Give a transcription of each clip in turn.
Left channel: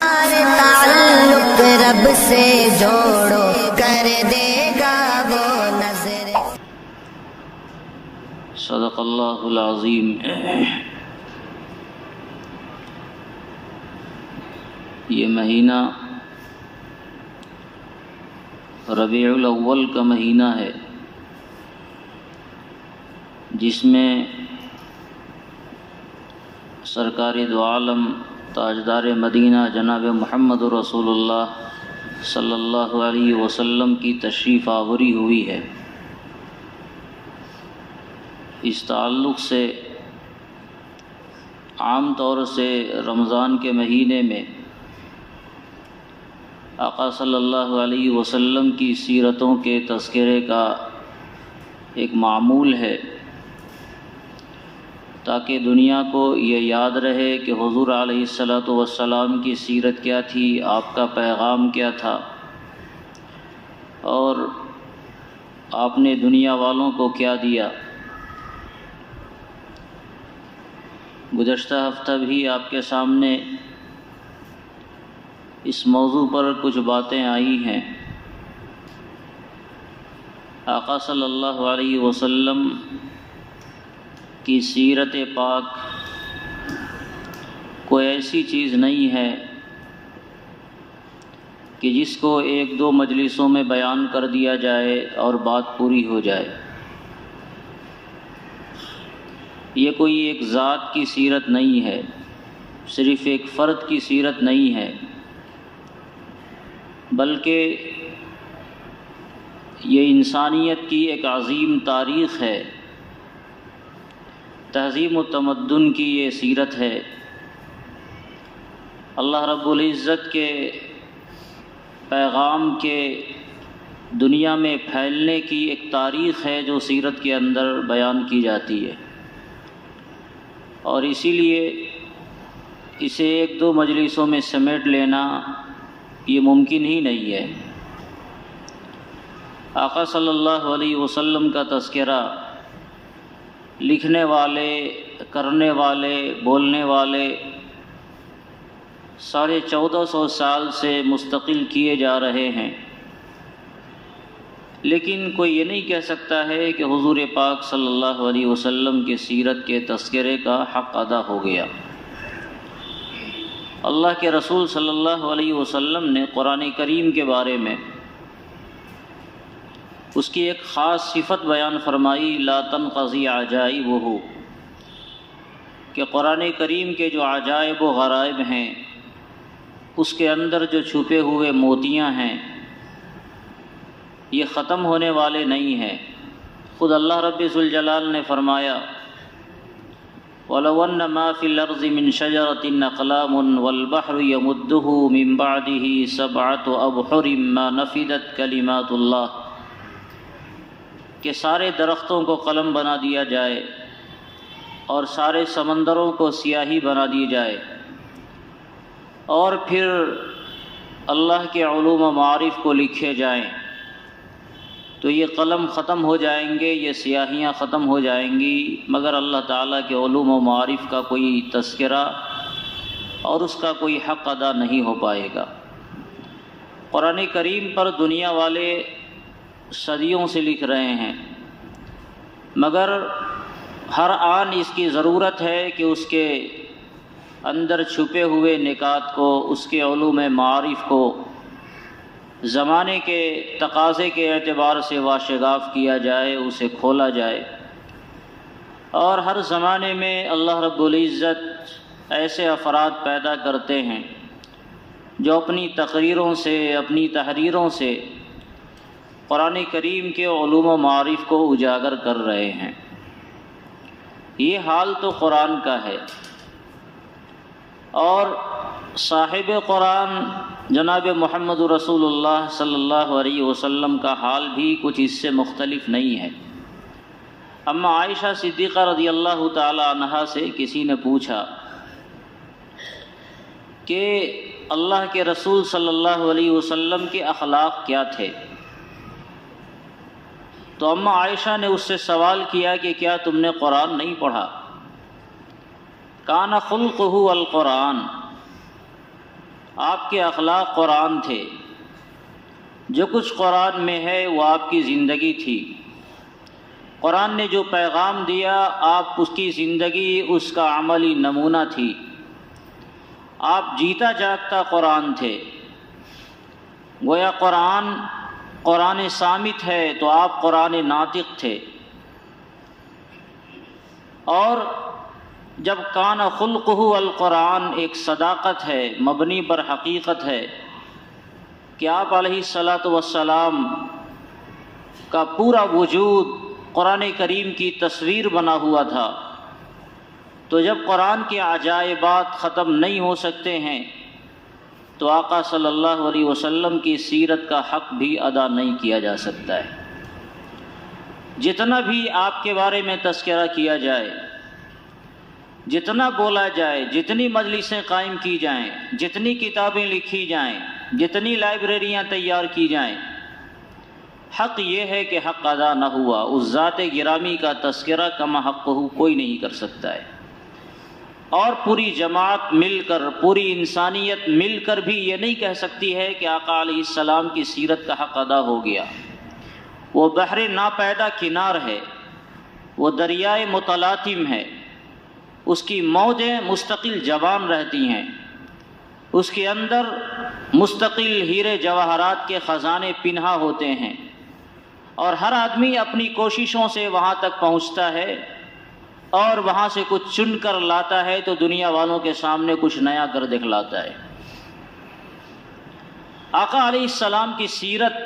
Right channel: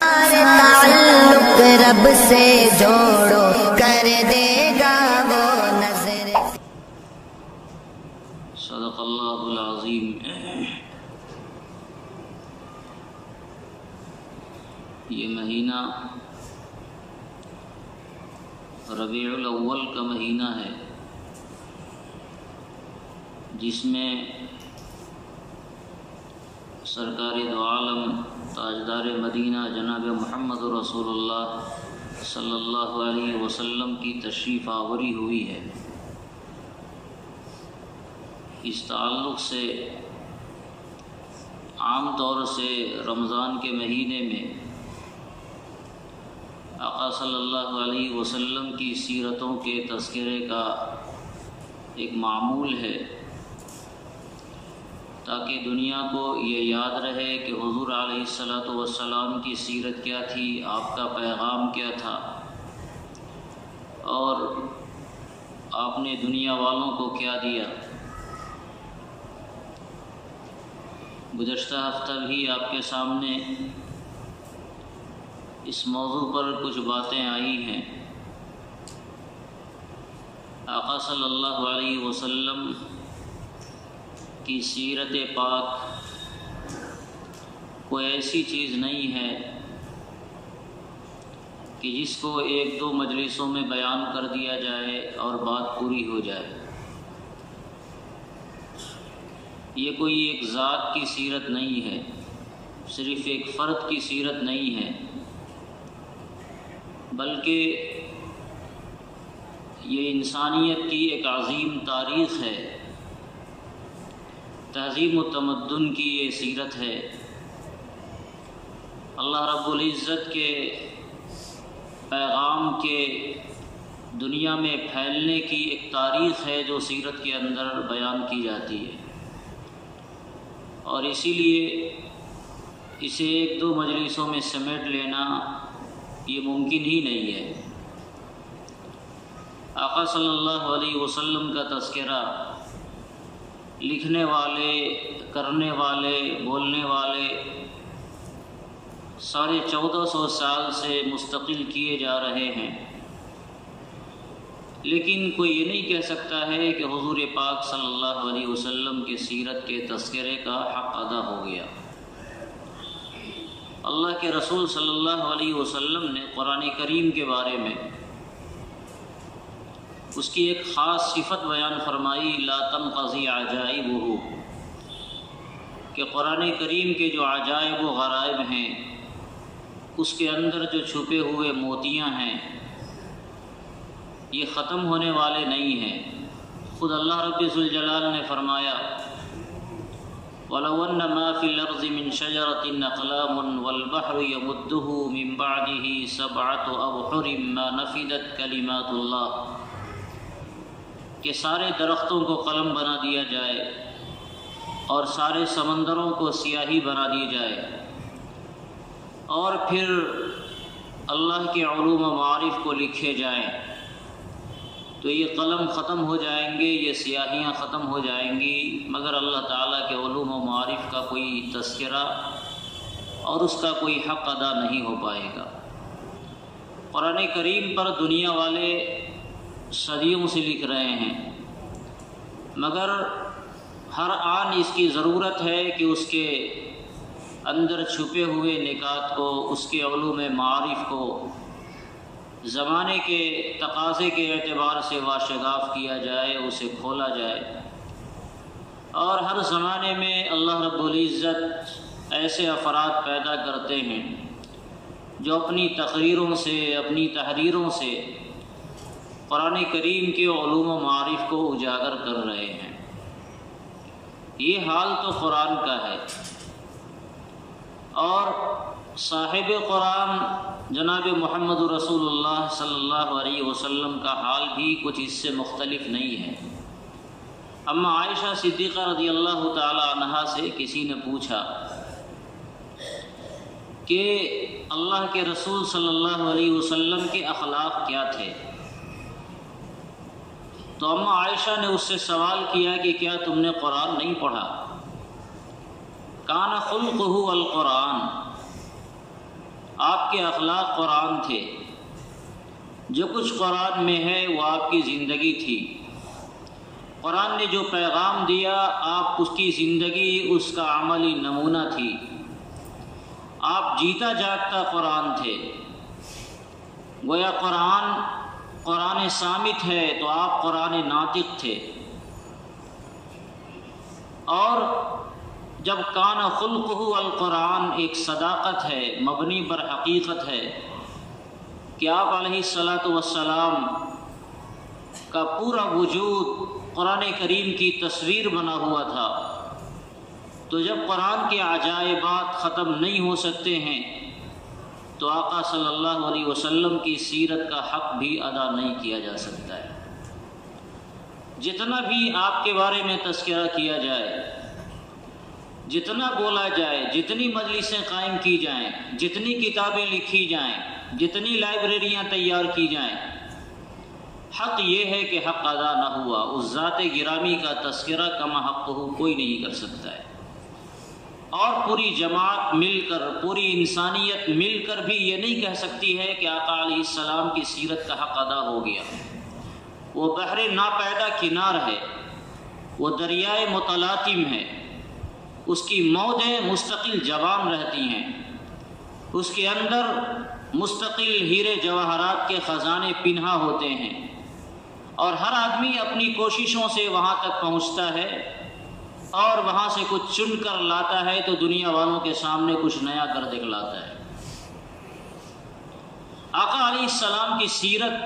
تعلق رب سے جوڑو کر دے گا وہ نظر۔ صدق اللہ العظیم۔ یہ مہینہ ربیع الاول کا مہینہ ہے، جس میں سرکار دو عالم تاجدار مدینہ جناب محمد رسول اللہ صلی اللہ علیہ وسلم کی تشریف آوری ہوئی ہے۔ اس تعلق سے عام طور سے رمضان کے مہینے میں آقا صلی اللہ علیہ وسلم کی سیرتوں کے تذکرے کا ایک معمول ہے، تاکہ دنیا کو یہ یاد رہے کہ حضور علیہ السلام کی سیرت کیا تھی، آپ کا پیغام کیا تھا، اور آپ نے دنیا والوں کو کیا دیا۔ گزشتہ ہفتہ بھی آپ کے سامنے اس موضوع پر کچھ باتیں آئی ہیں۔ آقا صلی اللہ علیہ وسلم کی سیرت پاک کوئی ایسی چیز نہیں ہے کہ جس کو ایک دو مجلسوں میں بیان کر دیا جائے اور بات پوری ہو جائے۔ یہ کوئی ایک ذات کی سیرت نہیں ہے، صرف ایک فرد کی سیرت نہیں ہے، بلکہ یہ انسانیت کی ایک عظیم تاریخ ہے، تہذیب و تمدن کی یہ سیرت ہے۔ اللہ رب العزت کے پیغام کے دنیا میں پھیلنے کی ایک تاریخ ہے جو سیرت کے اندر بیان کی جاتی ہے، اور اسی لیے اسے ایک دو مجلسوں میں سمیٹ لینا یہ ممکن ہی نہیں ہے۔ آقا صلی اللہ علیہ وسلم کا تذکرہ لکھنے والے، کرنے والے، بولنے والے 1450 سال سے مستقل کیے جا رہے ہیں، لیکن کوئی یہ نہیں کہہ سکتا ہے کہ حضور پاک صلی اللہ علیہ وسلم کے سیرت کے تذکرے کا حق ادا ہو گیا۔ اللہ کے رسول صلی اللہ علیہ وسلم نے قرآن کریم کے بارے میں اس کی ایک خاص صفت بیان فرمائی، لا تنقضی عجائبہ، کہ قرآن کریم کے جو عجائب و غرائب ہیں، اس کے اندر جو چھپے ہوئے موتیاں ہیں، یہ ختم ہونے والے نہیں ہیں۔ خود اللہ رب ذوالجلال نے فرمایا، وَلَوْ أَنَّ مَا فِي الْأَرْضِ مِنْ شَجَرَةٍ أَقْلَامٌ وَالْبَحْرُ يَمُدُّهُ مِنْ بَعْدِهِ سَبْعَةُ أَبْحُرٍ مَا نَفِدَتْ كَلِمَاتُ اللَّهِ، کہ سارے درختوں کو قلم بنا دیا جائے اور سارے سمندروں کو سیاہی بنا دی جائے، اور پھر اللہ کے علوم و معارف کو لکھے جائیں، تو یہ قلم ختم ہو جائیں گے، یہ سیاہیاں ختم ہو جائیں گی، مگر اللہ تعالیٰ کے علوم و معارف کا کوئی تذکرہ اور اس کا کوئی حق ادا نہیں ہو پائے گا۔ قرآن کریم پر دنیا والے صدیوں سے لکھ رہے ہیں، مگر ہر آن اس کی ضرورت ہے کہ اس کے اندر چھپے ہوئے نکات کو، اس کے علوم معارف کو زمانے کے تقاضے کے اعتبار سے واشگاف کیا جائے، اسے کھولا جائے۔ اور ہر زمانے میں اللہ رب العزت ایسے افراد پیدا کرتے ہیں جو اپنی تقریروں سے، اپنی تحریروں سے قرآن کریم کے علوم و معارف کو اجاگر کر رہے ہیں۔ یہ حال تو قرآن کا ہے، اور صاحب قرآن جناب محمد رسول اللہ صلی اللہ علیہ وسلم کا حال بھی کچھ اس سے مختلف نہیں ہے۔ اما عائشہ صدیقہ رضی اللہ تعالی عنہا سے کسی نے پوچھا کہ اللہ کے رسول صلی اللہ علیہ وسلم کے اخلاق کیا تھے، تو اما عائشہ نے اس سے سوال کیا کہ کیا تم نے قرآن نہیں پڑھا؟ کان خلقہ القرآن، آپ کے اخلاق قرآن تھے، جو کچھ قرآن میں ہے وہ آپ کی زندگی تھی۔ قرآن نے جو پیغام دیا آپ اس کی زندگی اس کا عملی نمونہ تھی۔ آپ جیتا جاگتا قرآن تھے۔ گویا قرآن صامت ہے تو آپ قرآن ناطق تھے۔ اور جب کان خلقہ القرآن ایک صداقت ہے، مبنی پر حقیقت ہے کہ آپ علیہ الصلاۃ والسلام کا پورا وجود قرآن کریم کی تصویر بنا ہوا تھا، تو جب قرآن کے عجائبات ختم نہیں ہو سکتے ہیں تو آقا صلی اللہ علیہ وسلم کی سیرت کا حق بھی ادا نہیں کیا جا سکتا ہے۔ جتنا بھی آپ کے بارے میں تذکرہ کیا جائے، جتنا بولا جائے، جتنی مجلسیں قائم کی جائیں، جتنی کتابیں لکھی جائیں، جتنی لائبریریاں تیار کی جائیں، حق یہ ہے کہ حق ادا نہ ہوا۔ اس ذات گرامی کا تذکرہ کما حقہ کوئی نہیں کر سکتا ہے۔ اور پوری جماعت مل کر، پوری انسانیت مل کر بھی یہ نہیں کہہ سکتی ہے کہ آقا علیہ السلام کی سیرت کا حق ادا ہو گیا۔ وہ بحر ناپیدا کنار ہے، وہ دریائے متلاطم ہے، اس کی موجیں مستقل جوان رہتی ہیں، اس کے اندر مستقل ہیرے جواہرات کے خزانے پنہا ہوتے ہیں، اور ہر آدمی اپنی کوششوں سے وہاں تک پہنچتا ہے اور وہاں سے کچھ چن کر لاتا ہے تو دنیا والوں کے سامنے کچھ نیا کر دکھلاتا ہے۔ آقا علیہ السلام کی سیرت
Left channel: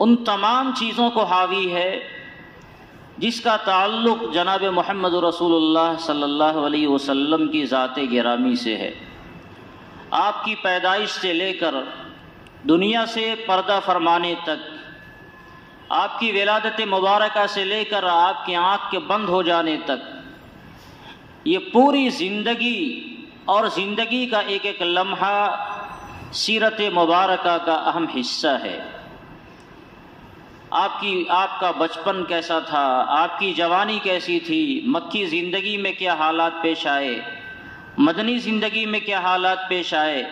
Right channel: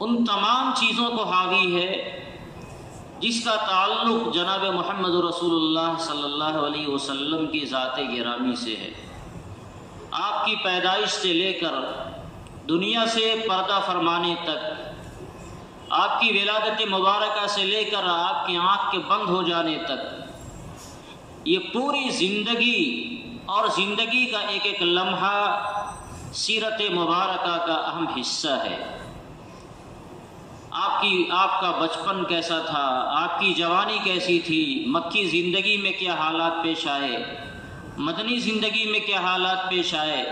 ان تمام چیزوں کو حاوی ہے جس کا تعلق جناب محمد رسول اللہ صلی اللہ علیہ وسلم کی ذات گرامی سے ہے۔ آپ کی پیدائش سے لے کر دنیا سے پردہ فرمانے تک، آپ کی ولادت مبارکہ سے لے کر آپ کی آنکھ کے بند ہو جانے تک، یہ پوری زندگی اور زندگی کا ایک ایک لمحہ سیرت مبارکہ کا اہم حصہ ہے۔ آپ کا بچپن کیسا تھا، آپ کی جوانی کیسی تھی، مکی زندگی میں کیا حالات پیش آئے، مدنی زندگی میں کیا حالات پیش آئے،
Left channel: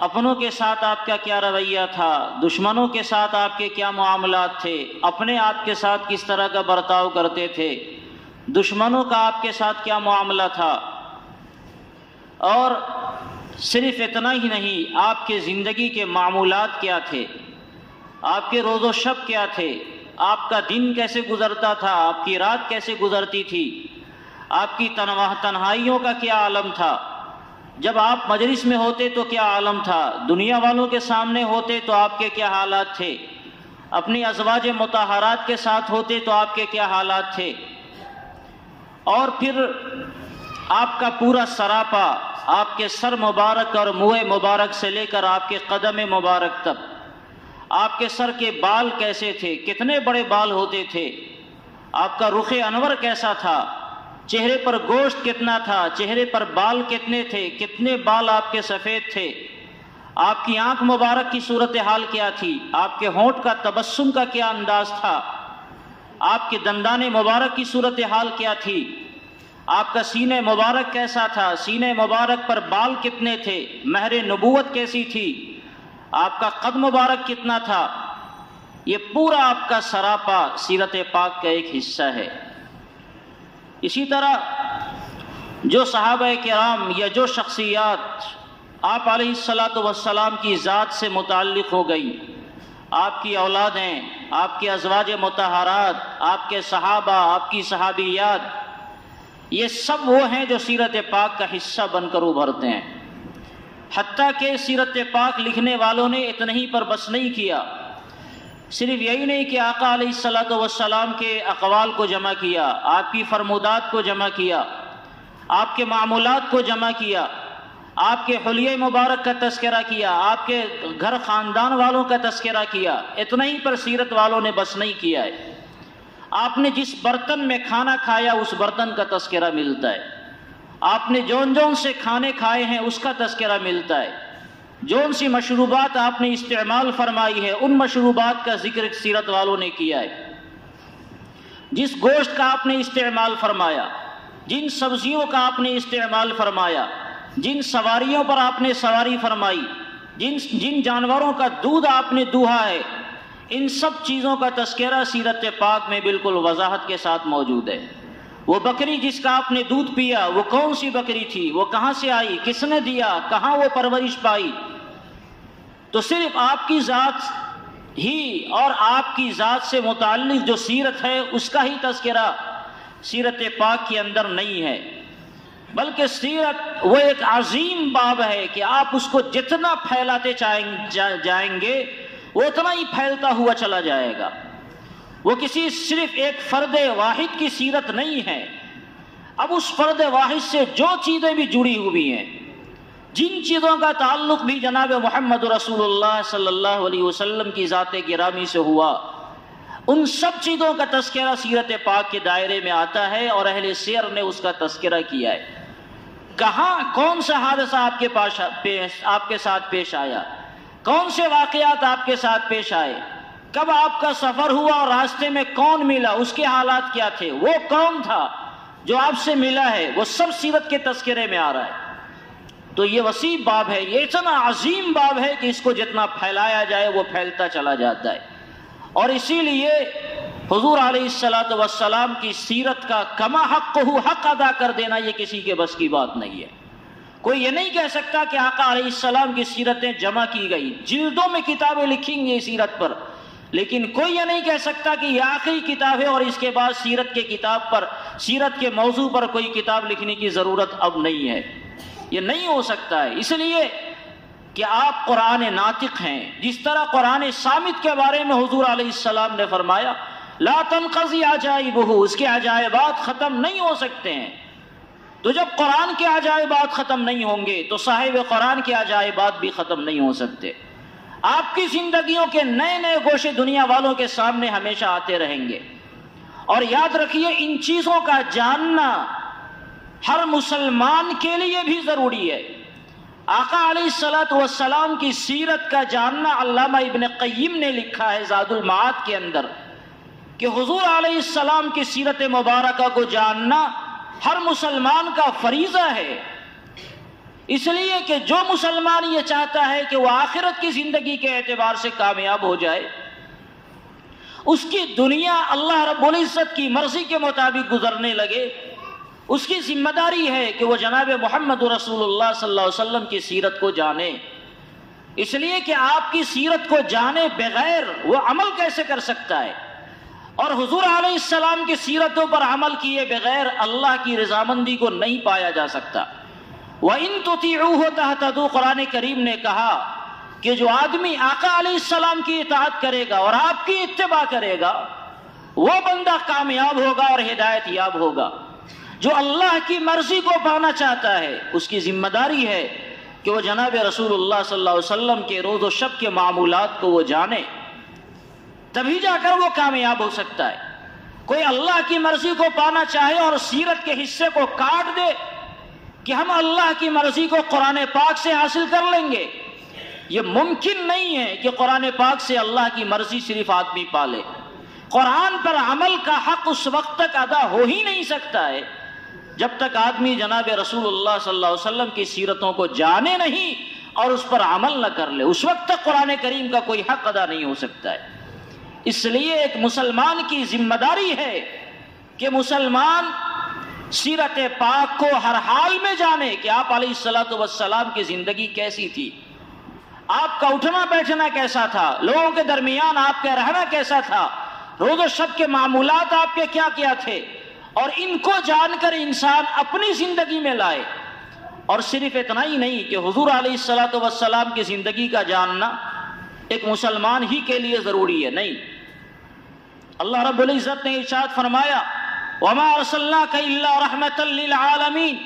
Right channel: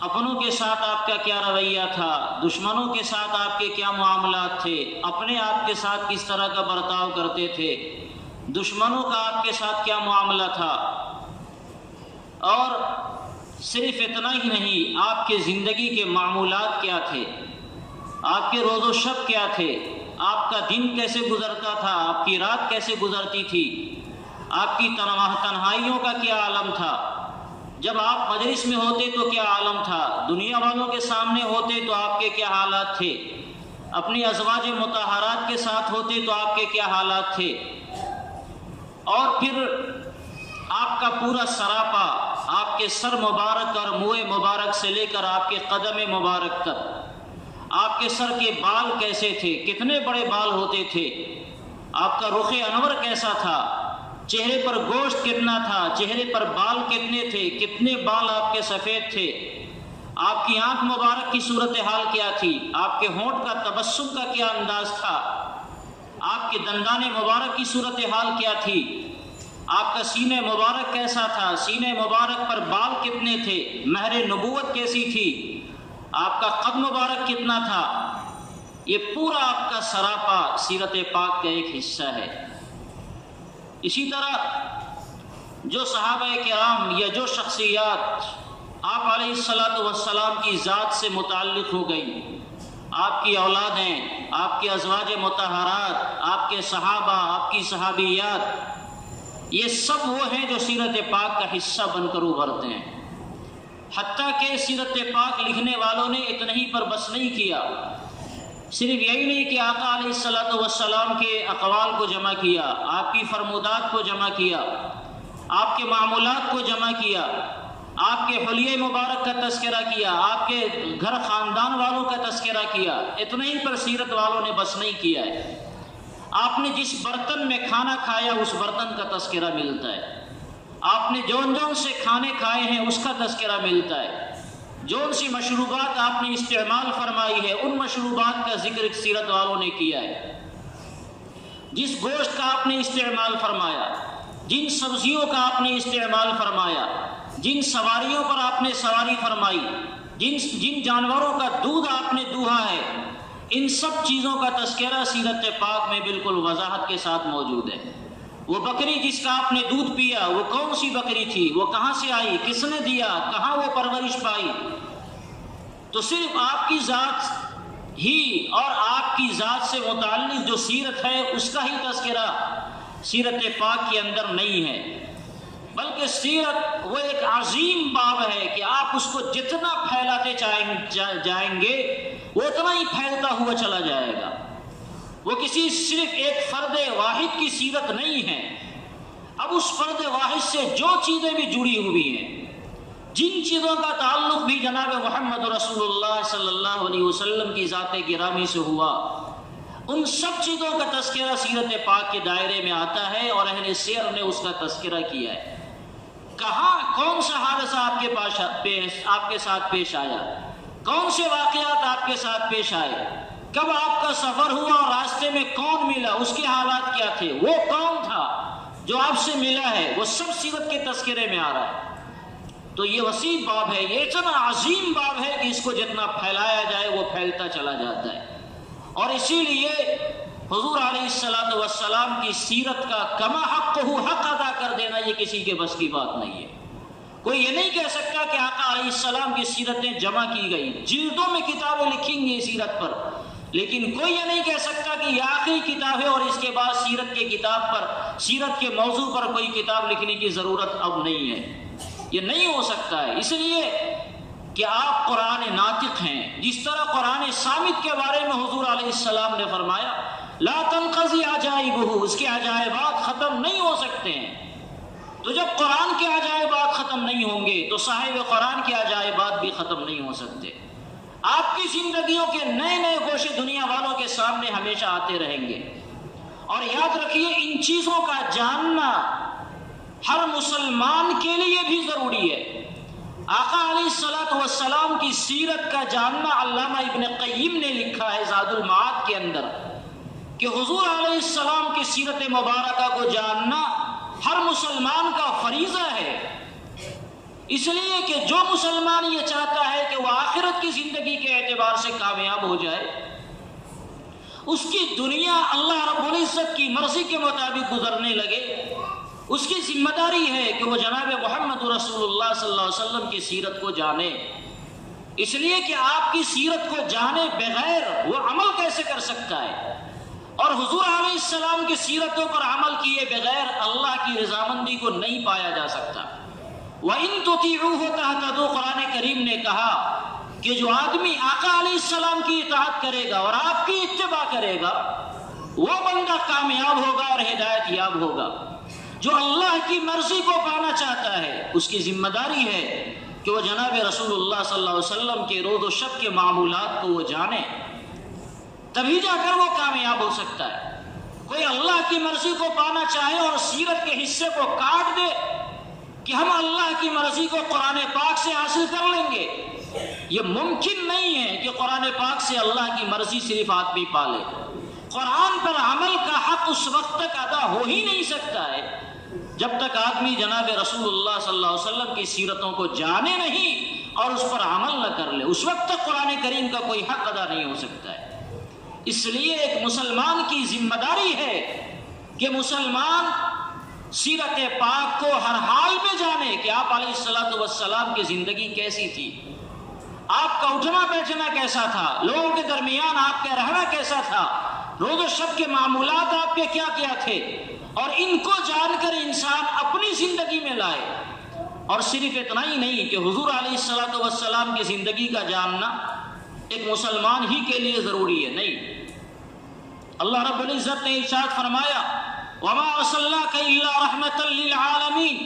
اپنوں کے ساتھ آپ کا کیا رویہ تھا، دشمنوں کے ساتھ آپ کے کیا معاملات تھے، اپنے آپ کے ساتھ کس طرح کا برتاؤ کرتے تھے، دشمنوں کا آپ کے ساتھ کیا معاملہ تھا۔ اور صرف اتنا ہی نہیں، آپ کے زندگی کے معمولات کیا تھے، آپ کے روز و شب کیا تھے، آپ کا دن کیسے گزرتا تھا، آپ کی رات کیسے گزرتی تھی، آپ کی تنہائیوں کا کیا عالم تھا، جب آپ مجلس میں ہوتے تو کیا عالم تھا، دنیا والوں کے سامنے ہوتے تو آپ کے کیا حالات تھے، اپنی ازواج مطہرات کے ساتھ ہوتے تو آپ کے کیا حالات تھے، اور پھر آپ کا پورا سراپا، آپ کے سر مبارک اور منہ مبارک سے لے کر آپ کے قدم مبارک تک، آپ کے سر کے بال کیسے تھے، کتنے بڑے بال ہوتے تھے، آپ کا رخ انور کیسا تھا، چہرے پر گوشت کتنا تھا، چہرے پر بال کتنے تھے، کتنے بال آپ کے سفید تھے، آپ کی آنکھ مبارک کی صورتحال کیا تھی، آپ کے ہونٹ کا تبسم کا کیا انداز تھا، آپ کے دندان مبارک کی صورتحال کیا تھی، آپ کا سینہ مبارک کیسا تھا، سینہ مبارک پر بال کتنے تھے، مہر نبوت کیسی تھی، آپ کا قد مبارک کتنا تھا۔ یہ پورا آپ کا سراپا سیرت پاک کا ایک حصہ ہے۔ اسی طرح جو صحابہ کرام یا جو شخصیات آپ علیہ الصلاۃ والسلام کی ذات سے متعلق ہو گئی، آپ کی اولادیں، آپ کے ازواج مطہرات، آپ کے صحابہ، آپ کی صحابیات، یہ سب وہ ہیں جو سیرت پاک کا حصہ بن کر ابھرتے ہیں۔ حتیٰ کہ سیرت پاک لکھنے والوں نے اتنا ہی پر بس نہیں کیا، صرف یہی نہیں کہ آقا علیہ الصلاۃ والسلام کے اقوال کو جمع کیا، آپ کی فرمودات کو جمع کیا، آپ کے معمولات کو جمع کیا، آپ کے حلیہ مبارک کا تذکرہ کیا، آپ کے گھر خاندان والوں کا تذکرہ کیا، اتنا ہی پر سیرت والوں نے بس نہیں کیا ہے۔ آپ نے جس برتن میں کھانا کھایا اس برتن کا تذکرہ ملتا ہے، آپ نے جون جون سے کھانے کھائے ہیں اس کا تذکرہ ملتا ہے، جون سی مشروبات آپ نے استعمال فرمائی ہے ان مشروبات کا ذکر سیرت والوں نے کیا ہے، جس گوشت کا آپ نے استعمال فرمایا، جن سبزیوں کا آپ نے استعمال فرمایا، جن سواریوں پر آپ نے سواری فرمائی، جن جانوروں کا دودھ آپ نے دوہا ہے، ان سب چیزوں کا تذکرہ سیرت پاک میں بالکل وضاحت کے ساتھ موجود ہے۔ وہ بکری جس کا آپ نے دودھ پیا، وہ کون سی بکری تھی، وہ کہاں سے آئی، کس نے دیا، کہاں وہ پرورش پائی۔ تو صرف آپ کی ذات ہی اور آپ کی ذات سے متعلق جو سیرت ہے اس کا ہی تذکرہ سیرت پاک کے اندر نہیں ہے، بلکہ سیرت وہ ایک عظیم باب ہے کہ آپ اس کو جتنا پھیلاتے جائیں گے وہ اتنا ہی پھیلتا ہوا چلا جائے گا۔ وہ کسی صرف ایک فرد واحد کی سیرت نہیں ہے، اب اس فرد واحد سے جو چیزیں بھی جڑی ہوئی ہیں، جن چیزوں کا تعلق بھی جناب محمد رسول اللہ صلی اللہ علیہ وسلم کی ذات گرامی سے ہوا، ان سب چیزوں کا تذکرہ سیرت پاک کے دائرے میں آتا ہے، اور اہل سیر نے اس کا تذکرہ کیا ہے۔ کہاں کون سا حادثہ آپ کے ساتھ پیش آیا، کون سے واقعات آپ کے ساتھ پیش آئے، کب آپ کا سفر ہوا اور راستے میں کون ملا، اس کے حالات کیا تھے، وہ کون تھا جو آپ سے ملا ہے، وہ سب سیرت کے تذکرے میں آ رہا ہے۔ تو یہ وسیع باب ہے، یہ اتنا عظیم باب ہے کہ اس کو جتنا پھیلایا جائے وہ پھیلتا چلا جاتا ہے۔ اور اسی لیے حضور علیہ الصلوۃ والسلام کی سیرت کا کما حق حق ادا کر دینا یہ کسی کے بس کی بات نہیں ہے۔ کوئی یہ نہیں کہہ سکتا کہ آقا علیہ السلام کی سیرتیں جمع کی گئی، جلدوں میں کتابیں لکھیں گے سیرت پر، لیکن کوئی یہ نہیں کہہ سکتا کہ یہ آخری کتاب ہے اور اس کے بعد سیرت کے کتاب پر، سیرت کے موضوع پر کوئی کتاب لکھنے کی ضرورت اب نہیں ہے۔ یہ نہیں ہو سکتا ہے، اس لیے کہ آپ قرآن ناطق ہیں۔ جس طرح قرآن صامت کے بارے میں حضور علیہ السلام نے فرمایا لا تنقضی عجائبہ، اس کے عجائبات ختم نہیں ہو سکتے ہیں۔ تو جب قرآن کے عجائبات ختم نہیں ہوں گے تو صاحب قرآن کے عجائبات بھی ختم نہیں ہو سکتے۔ آپ کی زندگیوں کے نئے نئے گوشے دنیا والوں کے سامنے ہمیشہ آتے رہیں گے، اور یاد رکھیے ان چیزوں کا جاننا ہر مسلمان کے لیے بھی ضروری ہے۔ آقا علیہ الصلوۃ والسلام کی سیرت کا جاننا علامہ ابن قیم نے لکھا ہے زاد المعاد کے اندر کہ حضور علیہ السلام کی سیرت مبارکہ کو جاننا ہر مسلمان کا فریضہ ہے، اس لیے کہ جو مسلمان یہ چاہتا ہے کہ وہ آخرت کی زندگی کے اعتبار سے کامیاب ہو جائے، اس کی دنیا اللہ رب العزت کی مرضی کے مطابق گزرنے لگے، اس کی ذمہ داری ہے کہ وہ جناب محمد رسول اللہ صلی اللہ علیہ وسلم کی سیرت کو جانے۔ اس لیے کہ آپ کی سیرت کو جانے بغیر وہ عمل کیسے کر سکتا ہے، اور حضور علیہ السلام کی سیرتوں پر عمل کیے بغیر اللہ کی رضامندی کو نہیں پایا جا سکتا۔ وَإِن تُطِيعُوهُ تَهْتَدُوا، قرآن کریم نے کہا کہ جو آدمی آقا علیہ السلام کی اطاعت کرے گا اور آپ کی اتباع کرے گا وہ بندہ کامیاب ہوگا اور ہدایت یاب ہوگا۔ جو اللہ کی مرضی کو پانا چاہتا ہے اس کی ذمہ داری ہے کہ وہ جناب رسول اللہ صلی اللہ علیہ وسلم کے روز و شب کے معمولات کو وہ جانے، تبھی جا کر وہ کامیاب ہو سکتا ہے۔ کوئی اللہ کی مرضی کو پانا چاہے اور سیرت کے حصے کو کاٹ دے کہ ہم اللہ کی مرضی کو قرآن پاک سے حاصل کر لیں گے، یہ ممکن نہیں ہے کہ قرآن پاک سے اللہ کی مرضی صرف آدمی پالے۔ قرآن پر عمل کا حق اس وقت تک ادا ہو ہی نہیں سکتا ہے جب تک آدمی جناب رسول اللہ صلی اللہ علیہ وسلم کی سیرتوں کو جانے نہیں اور اس پر عمل نہ کر لے، اس وقت تک قرآن کریم کا کوئی حق ادا نہیں ہو سکتا ہے۔ اس لیے ایک مسلمان کی ذمہ داری ہے کہ مسلمان سیرت پاک کو ہر حال میں جانے کہ آپ علیہ الصلوۃ والسلام کی زندگی کیسی تھی، آپ کا اٹھنا بیٹھنا کیسا تھا، لوگوں کے درمیان آپ کا رہنا کیسا تھا، روز و شب کے معمولات آپ کے کیا کیا تھے، اور ان کو جان کر انسان اپنی زندگی میں لائے۔ اور صرف اتنا ہی نہیں کہ حضور علیہ الصلوۃ والسلام کی زندگی کا جاننا ایک مسلمان ہی کے لیے ضروری ہے، نہیں، اللہ رب العزت نے ارشاد فرمایا وَمَا أَرْسَلْنَاكَ إِلَّا رَحْمَةً لِّلْعَالَمِينَ،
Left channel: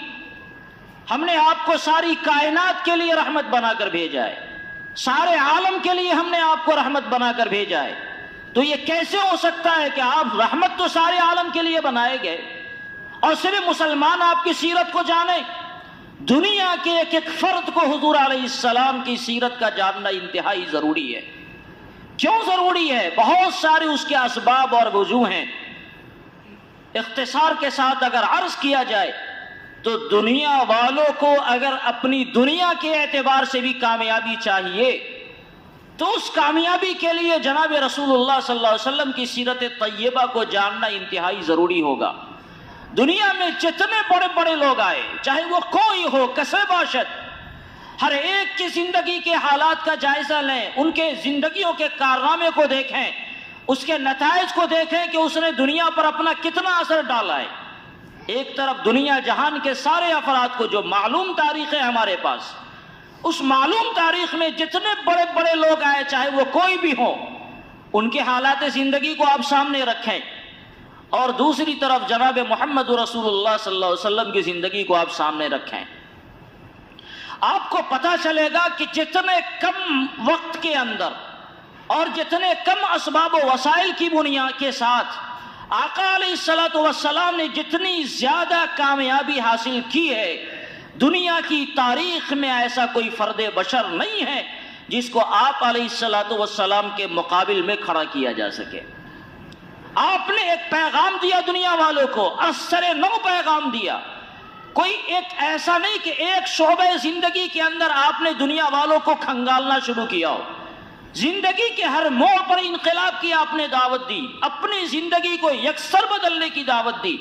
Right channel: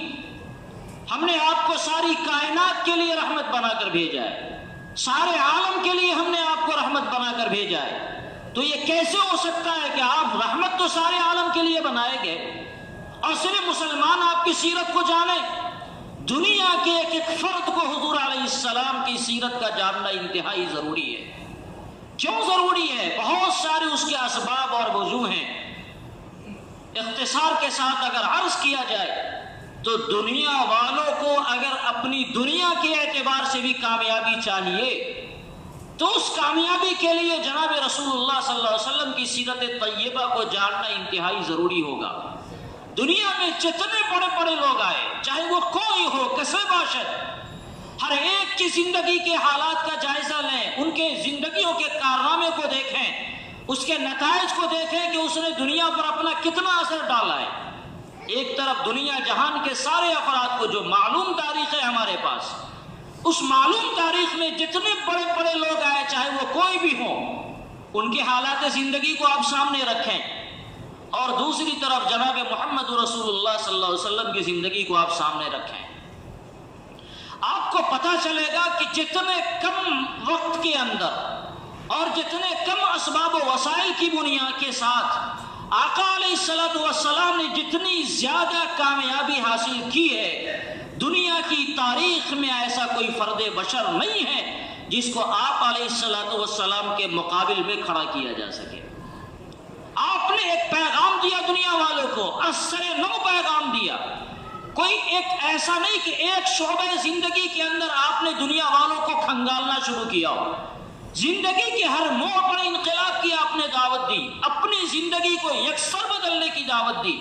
ہم نے آپ کو ساری کائنات کے لیے رحمت بنا کر بھیجا ہے، سارے عالم کے لیے ہم نے آپ کو رحمت بنا کر بھیجا ہے۔ تو یہ کیسے ہو سکتا ہے کہ آپ رحمت تو سارے عالم کے لیے بنائے گئے اور صرف مسلمان آپ کی سیرت کو جانے؟ دنیا کے ایک ایک فرد کو حضور علیہ السلام کی سیرت کا جاننا انتہائی ضروری ہے۔ کیوں ضروری ہے؟ بہت سارے اس کے اسباب اور وجوہ ہیں۔ اختصار کے ساتھ اگر عرض کیا جائے تو دنیا والوں کو اگر اپنی دنیا کے اعتبار سے بھی کامیابی چاہیے تو اس کامیابی کے لیے جناب رسول اللہ صلی اللہ علیہ وسلم کی سیرت طیبہ کو جاننا انتہائی ضروری ہوگا۔ دنیا میں جتنے بڑے بڑے لوگ آئے، چاہے وہ کوئی ہو، کسے باشد، ہر ایک کی زندگی کے حالات کا جائزہ لیں، ان کے زندگیوں کے کارنامے کو دیکھیں، اس کے نتائج کو دیکھیں کہ اس نے دنیا پر اپنا کتنا اثر ڈالا ہے۔ ایک طرف دنیا جہان کے سارے افراد کو، جو معلوم تاریخ ہے ہمارے پاس، اس معلوم تاریخ میں جتنے بڑے بڑے لوگ آئے، چاہے وہ کوئی بھی ہو، ان کے حالات زندگی کو آپ سامنے رکھیں، اور دوسری طرف جناب محمد رسول اللہ صلی اللہ علیہ وسلم کی زندگی کو آپ سامنے رکھیں۔ آپ کو پتہ چلے گا کہ جتنے کم وقت کے اندر اور جتنے کم اسباب و وسائل کی بنیاد کے ساتھ آقا علیہ الصلوۃ والسلام نے جتنی زیادہ کامیابی حاصل کی ہے، دنیا کی تاریخ میں ایسا کوئی فرد بشر نہیں ہے جس کو آپ علیہ الصلوۃ والسلام کے مقابل میں کھڑا کیا جا سکے۔ آپ نے ایک پیغام دیا دنیا والوں کو، اثر نو پیغام دیا۔ کوئی ایک ایسا نہیں کہ ایک شعبہ زندگی کے اندر آپ نے دنیا والوں کو کھنگالنا شروع کیا ہو۔ زندگی کے ہر موڑ پر انقلاب کی آپ نے دعوت دی، اپنی زندگی کو یکسر بدلنے کی دعوت دی۔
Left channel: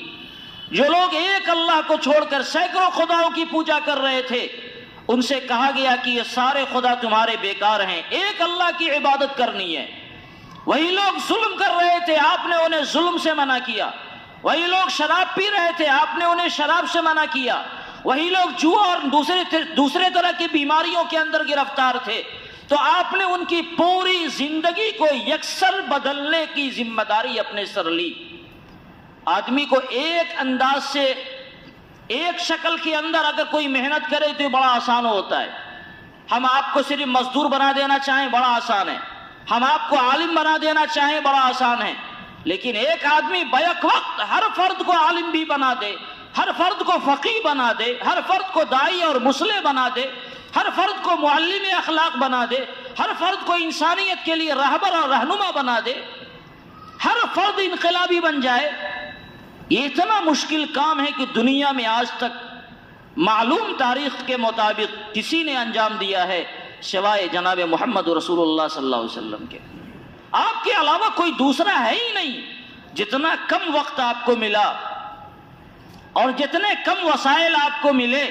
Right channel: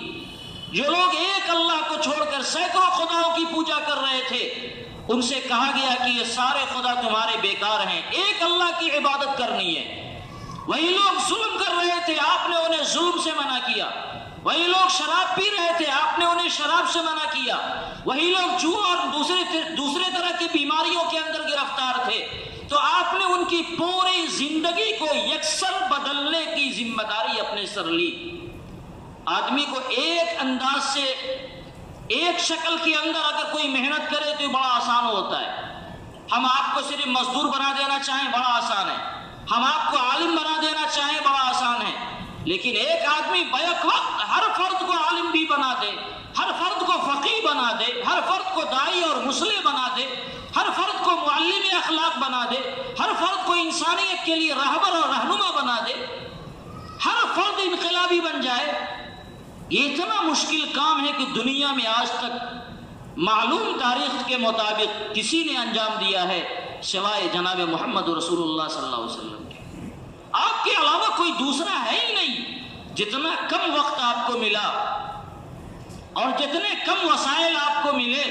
جو لوگ ایک اللہ کو چھوڑ کر سینکڑوں خداؤں کی پوجا کر رہے تھے، ان سے کہا گیا کہ یہ سارے خدا تمہارے بیکار ہیں، ایک اللہ کی عبادت کرنی ہے۔ وہی لوگ ظلم کر رہے تھے، آپ نے انہیں ظلم سے منع کیا۔ وہی لوگ شراب پی رہے تھے، آپ نے انہیں شراب سے منع کیا۔ وہی لوگ جوا اور دوسرے طرح کی بیماریوں کے اندر گرفتار تھے، تو آپ نے ان کی پوری زندگی کو یکسر بدلنے کی ذمہ داری اپنے سر لی۔ آدمی کو ایک انداز سے، ایک شکل کے اندر اگر کوئی محنت کرے تو بڑا آسان ہوتا ہے۔ ہم آپ کو صرف مزدور بنا دینا چاہیں، بڑا آسان ہے۔ ہم آپ کو عالم بنا دینا چاہیں، بڑا آسان ہے۔ لیکن ایک آدمی بیک وقت ہر فرد کو عالم بھی بنا دے، ہر فرد کو فقیہ بنا دے، ہر فرد کو داعی اور مصلح بنا دے، ہر فرد کو معلم اخلاق بنا دے، ہر فرد کو انسانیت کے لیے رہبر اور رہنما بنا دے، ہر فرد انقلابی بن جائے، یہ اتنا مشکل کام ہے کہ دنیا میں آج تک معلوم تاریخ کے مطابق کسی نے انجام دیا ہے سوائے جناب محمد رسول اللہ صلی اللہ علیہ وسلم کے۔ آپ کے علاوہ کوئی دوسرا ہے ہی نہیں۔ جتنا کم وقت آپ کو ملا اور جتنے کم وسائل آپ کو ملے،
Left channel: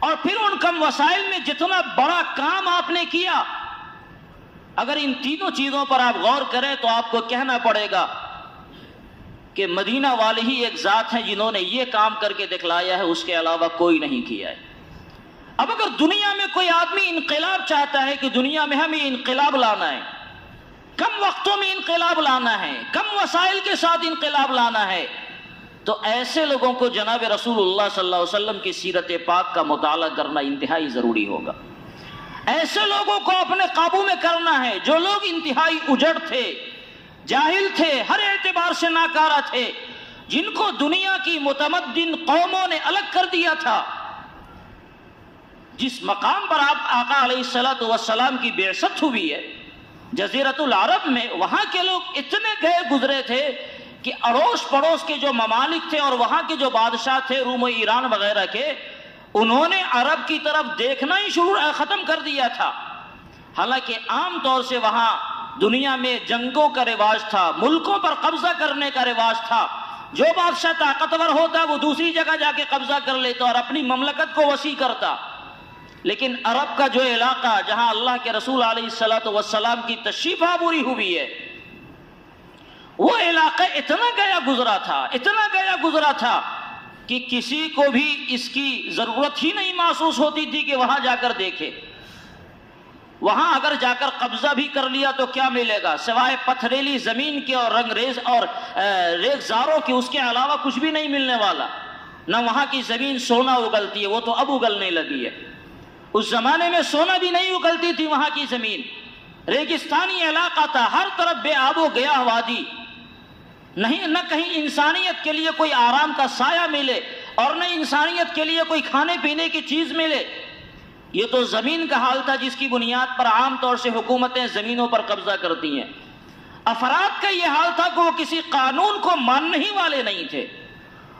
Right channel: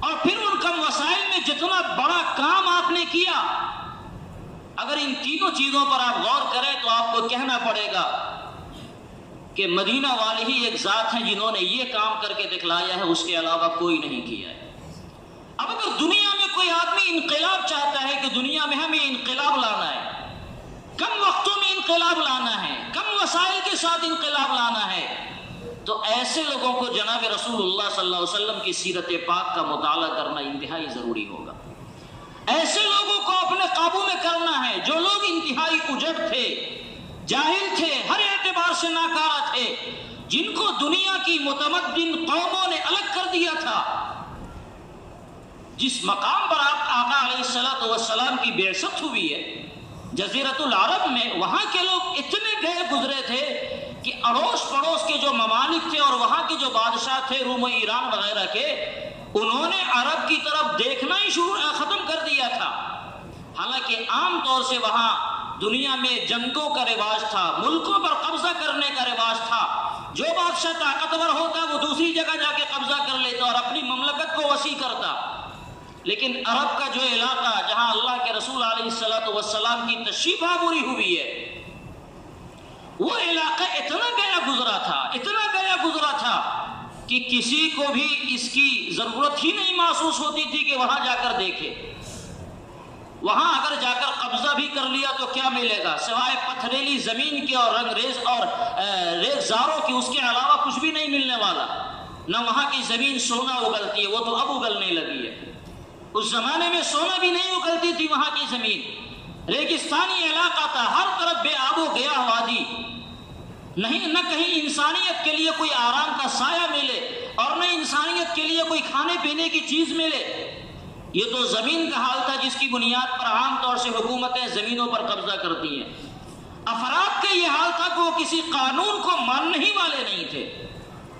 اور پھر ان کم وسائل میں جتنا بڑا کام آپ نے کیا، اگر ان تینوں چیزوں پر آپ غور کریں تو آپ کو کہنا پڑے گا کہ مدینہ والے ہی ایک ذات ہیں جنہوں نے یہ کام کر کے دکھلایا ہے، اس کے علاوہ کوئی نہیں کیا ہے۔ اب اگر دنیا میں کوئی آدمی انقلاب چاہتا ہے کہ دنیا میں ہمیں انقلاب لانا ہے، کم وقتوں میں انقلاب لانا ہے، کم وسائل کے ساتھ انقلاب لانا ہے، تو ایسے لوگوں کو جناب رسول اللہ صلی اللہ علیہ وسلم کی سیرت پاک کا مطالعہ کرنا انتہائی ضروری ہوگا۔ ایسے لوگوں کو اپنے قابو میں کرنا ہے جو لوگ انتہائی اجڑ تھے، جاہل تھے، ہر اعتبار سے ناکارہ تھے، جن کو دنیا کی متمدن قوموں نے الگ کر دیا تھا۔ جس مقام پر آپ آقا علیہ الصلوۃ والسلام کی بعثت ہوئی ہے، جزیرۃ العرب میں، وہاں کے لوگ اتنے گئے گزرے تھے کہ اڑوس پڑوس کے جو ممالک تھے اور وہاں کے جو بادشاہ تھے روم و ایران وغیرہ کے، انہوں نے عرب کی طرف دیکھنا ہی ختم کر دیا تھا۔ حالانکہ عام طور سے وہاں دنیا میں جنگوں کا رواج تھا، ملکوں پر قبضہ کرنے کا رواج تھا۔ جو بادشاہ طاقتور ہوتا وہ دوسری جگہ جا کے قبضہ کر لیتا اور اپنی مملکت کو وسیع کرتا۔ لیکن عرب کا جو علاقہ جہاں اللہ کے رسول علیہ الصلوۃ والسلام کی تشریف آوری ہوئی ہے، وہ علاقہ اتنا گیا گزرا تھا کہ کسی کو بھی اس کی ضرورت ہی نہیں محسوس ہوتی تھی کہ وہاں جا کر دیکھے۔ وہاں اگر جا کر قبضہ بھی کر لیا تو کیا ملے گا سوائے پتھریلی زمین کے اور رنگریز اور ریگزاروں کے، اس کے علاوہ کچھ بھی نہیں ملنے والا۔ نہ وہاں کی زمین سونا اگلتی ہے، وہ تو اب اگلنے لگی ہے۔ اس زمانے میں سونا بھی نہیں اگلتی تھی وہاں کی زمین، ریگستانی علاقہ تھا، ہر طرف بے آب و گیاہ وادی، نہ کہیں انسانیت کے لیے کوئی آرام کا سایہ ملے اور نہ انسانیت کے لیے کوئی کھانے پینے کی چیز ملے۔ یہ تو زمین کا حال تھا جس کی بنیاد پر عام طور سے حکومتیں زمینوں پر قبضہ کرتی ہیں۔ افراد کا یہ حال تھا کہ وہ کسی قانون کو ماننے ہی والے نہیں تھے۔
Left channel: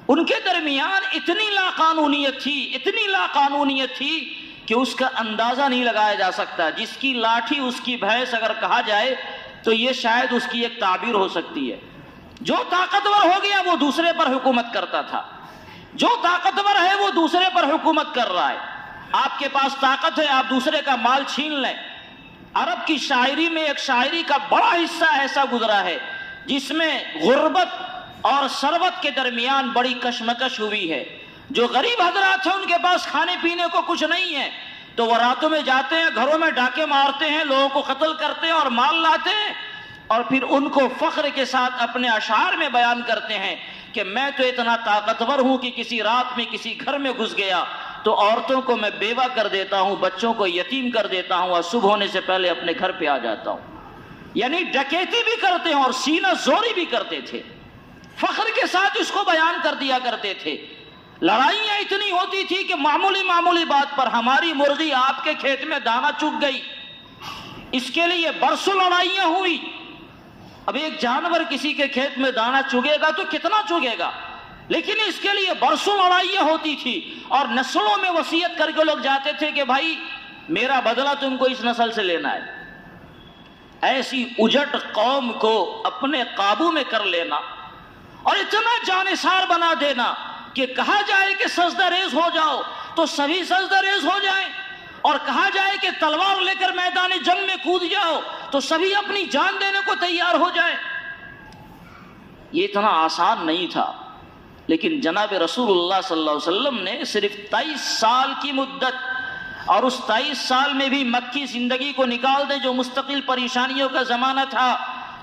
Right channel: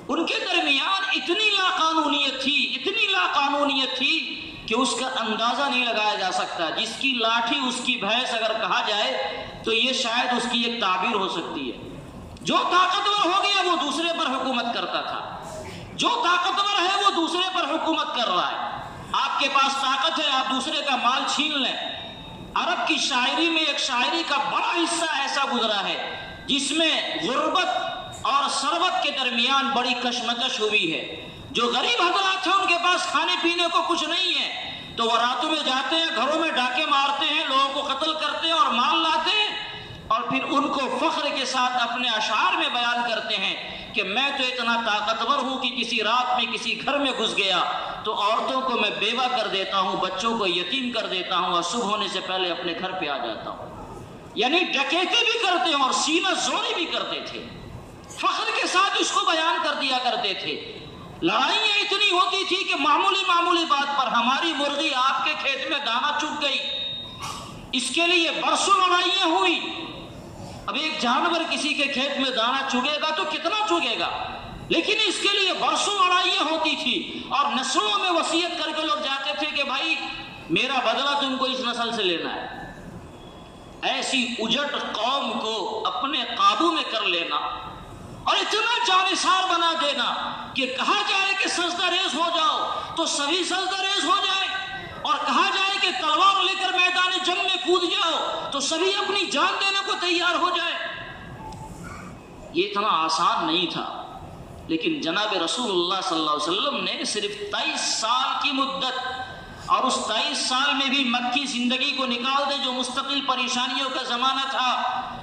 ان کے درمیان اتنی لاقانونیت تھی کہ اس کا اندازہ نہیں لگایا جا سکتا. جس کی لاٹھی اس کی بھینس اگر کہا جائے تو یہ شاید اس کی ایک تعبیر ہو سکتی ہے. جو طاقتور ہو گیا وہ دوسرے پر حکومت کرتا تھا، جو طاقتور ہے وہ دوسرے پر حکومت کر رہا ہے. آپ کے پاس طاقت ہے، آپ دوسرے کا مال چھین لیں. عرب کی شاعری میں ایک شاعری کا بڑا حصہ ایسا گزرا ہے جس میں غربت اور ثروت کے درمیان بڑی کشمکش ہوئی ہے. جو غریب حضرات ہیں ان کے پاس کھانے پینے کو کچھ نہیں ہے تو وہ راتوں میں جاتے ہیں، گھروں میں ڈاکے مارتے ہیں، لوگوں کو قتل کرتے ہیں اور مال لاتے ہیں، اور پھر ان کو فخر کے ساتھ اپنے اشعار میں بیان کرتے ہیں کہ میں تو اتنا طاقتور ہوں کہ کسی رات میں کسی گھر میں گھس گیا تو عورتوں کو میں بیوہ کر دیتا ہوں، بچوں کو یتیم کر دیتا ہوں اور صبح ہونے سے پہلے اپنے گھر پہ آ جاتا ہوں. یعنی ڈکیتی بھی کرتے ہیں اور سینہ زوری بھی کرتے تھے، فخر کے ساتھ اس کو بیان کر دیا کرتے تھے. لڑائیاں اتنی ہوتی تھی کہ معمولی بات پر ہماری مرغی آپ کے کھیت میں دانا چگ گئی، اس کے لیے برسوں لڑائیاں ہوئی. اب ایک جانور کسی کے کھیت میں دانا چگے گا تو کتنا چگے گا، لیکن اس کے لیے برسوں لڑائیاں ہوتی تھی اور نسلوں میں وصیت کر کے لوگ جاتے تھے کہ بھائی میرا بدلہ تم کو اس نسل سے لینا ہے. ایسی اجٹ قوم کو اپنے قابو میں کر لینا اور اتنا جانثار بنا دینا کہ کہا جائے کہ سجدہ ریز ہو جاؤ تو سبھی سجدہ ریز ہو جائیں، اور کہا جائے کہ تلوار لے کر میدان جنگ میں کود جاؤ تو سبھی اپنی جان دینے کو تیار ہو جائیں. یہ اتنا آسان نہیں تھا، لیکن جناب رسول اللہ صلی اللہ علیہ وسلم نے صرف 23 سال کی مدت، اور اس 23 سال میں بھی مکی زندگی کو نکال دیں جو مستقل پریشانیوں کا زمانہ تھا،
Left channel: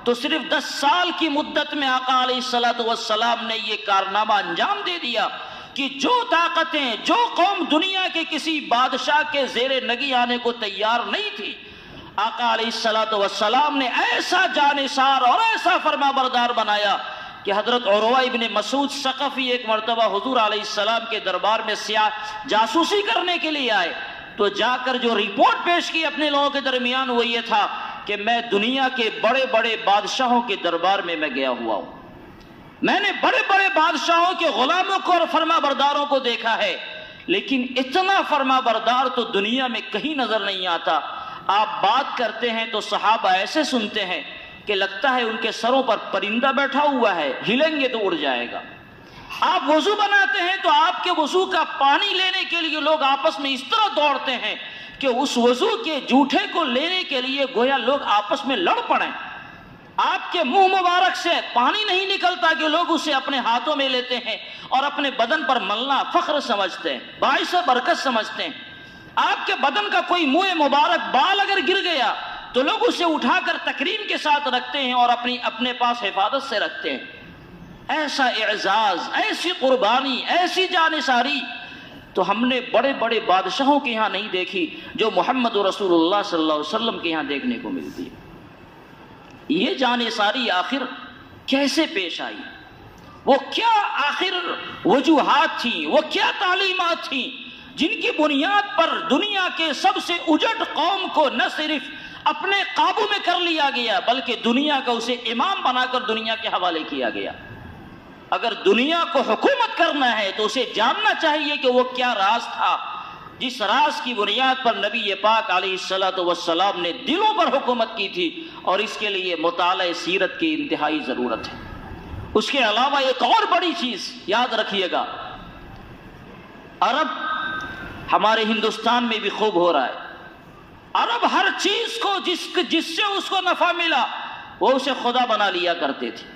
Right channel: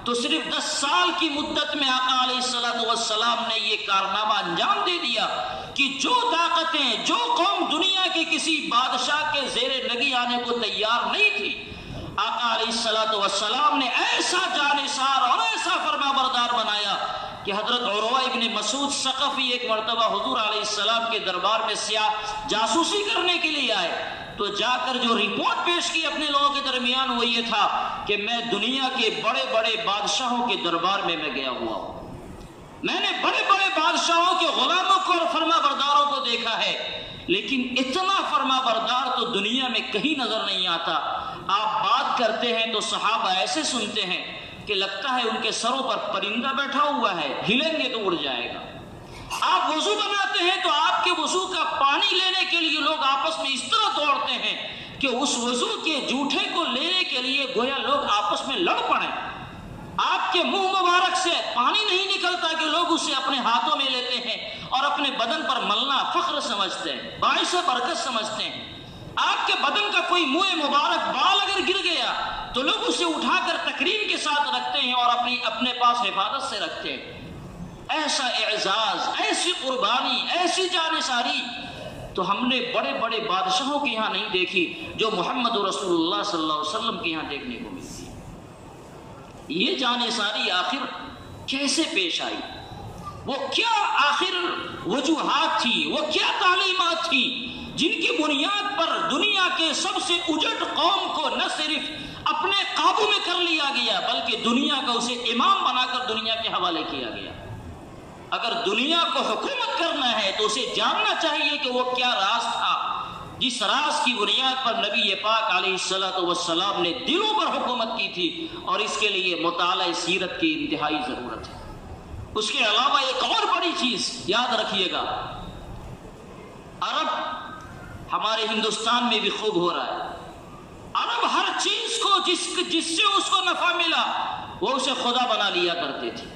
تو صرف 10 سال کی مدت میں آقا علیہ الصلوۃ والسلام نے یہ کارنامہ انجام دے دیا کہ جو طاقتیں، جو قوم دنیا کے کسی بادشاہ کے زیر نگی آنے کو تیار نہیں تھی، آقا علیہ الصلوۃ والسلام نے ایسا جانثار اور ایسا فرما بردار بنایا کہ حضرت عروہ ابن مسعود ثقفی ایک مرتبہ حضور علیہ السلام کے دربار میں جاسوسی کرنے کے لیے آئے تو جا کر جو رپورٹ پیش کی اپنے لوگوں کے درمیان وہ یہ تھا کہ میں دنیا کے بڑے بڑے بادشاہوں کے دربار میں گیا ہوا ہوں، میں نے بڑے بڑے بادشاہوں کے غلاموں کو اور فرما برداروں کو دیکھا ہے، لیکن اتنا فرما بردار تو دنیا میں کہیں نظر نہیں آتا. آپ بات کرتے ہیں تو صحابہ ایسے سنتے ہیں کہ لگتا ہے ان کے سروں پر پرندہ بیٹھا ہوا ہے، ہلیں گے تو اڑ جائے گا. آپ وضو بناتے ہیں تو آپ کے وضو کا پانی لینے کے لیے لوگ آپس میں اس طرح دوڑتے ہیں کہ اس وضو کے جھوٹے کو لینے کے لیے گویا لوگ آپس میں لڑ پڑیں. آپ کے منہ مبارک سے پانی نہیں نکلتا کہ لوگ اسے اپنے ہاتھوں میں لیتے ہیں اور اپنے بدن پر ملنا فخر سمجھتے ہیں، باعث برکت سمجھتے ہیں. آپ کے بدن کا کوئی منہ مبارک بال اگر گر گیا تو لوگ اسے اٹھا کر تکریم کے ساتھ رکھتے ہیں اور اپنے پاس حفاظت سے رکھتے ہیں. ایسا اعزاز، ایسی قربانی، ایسی جانثاری تو ہم نے بڑے بڑے بادشاہوں کے یہاں نہیں دیکھی جو محمد رسول اللہ صلی اللہ علیہ وسلم کے یہاں دیکھنے کو ملتی ہے. یہ جانثاری آخر کیسے پیش آئی؟ وہ کیا آخر وجوہات تھی، وہ کیا تعلیمات تھی جن کی بنیاد پر دنیا کے سب سے اجٹ قوم کو نہ صرف اپنے قابو میں کر لیا گیا بلکہ دنیا کا اسے امام بنا کر دنیا کے حوالے کیا گیا؟ اگر دنیا کو حکومت کرنا ہے تو اسے جاننا چاہیے کہ وہ کیا راز تھا جس راز کی بنیاد پر نبی پاک علیہ الصلوۃ والسلام نے دلوں پر حکومت کی تھی، اور اس کے لیے مطالعہ سیرت کی انتہائی ضرورت ہے. اس کے علاوہ ایک اور بڑی چیز یاد رکھیے گا، عرب ہمارے ہندوستان میں بھی خوب ہو رہا ہے. عرب ہر چیز کو جس سے اس کو نفع ملا وہ اسے خدا بنا لیا کرتے تھے.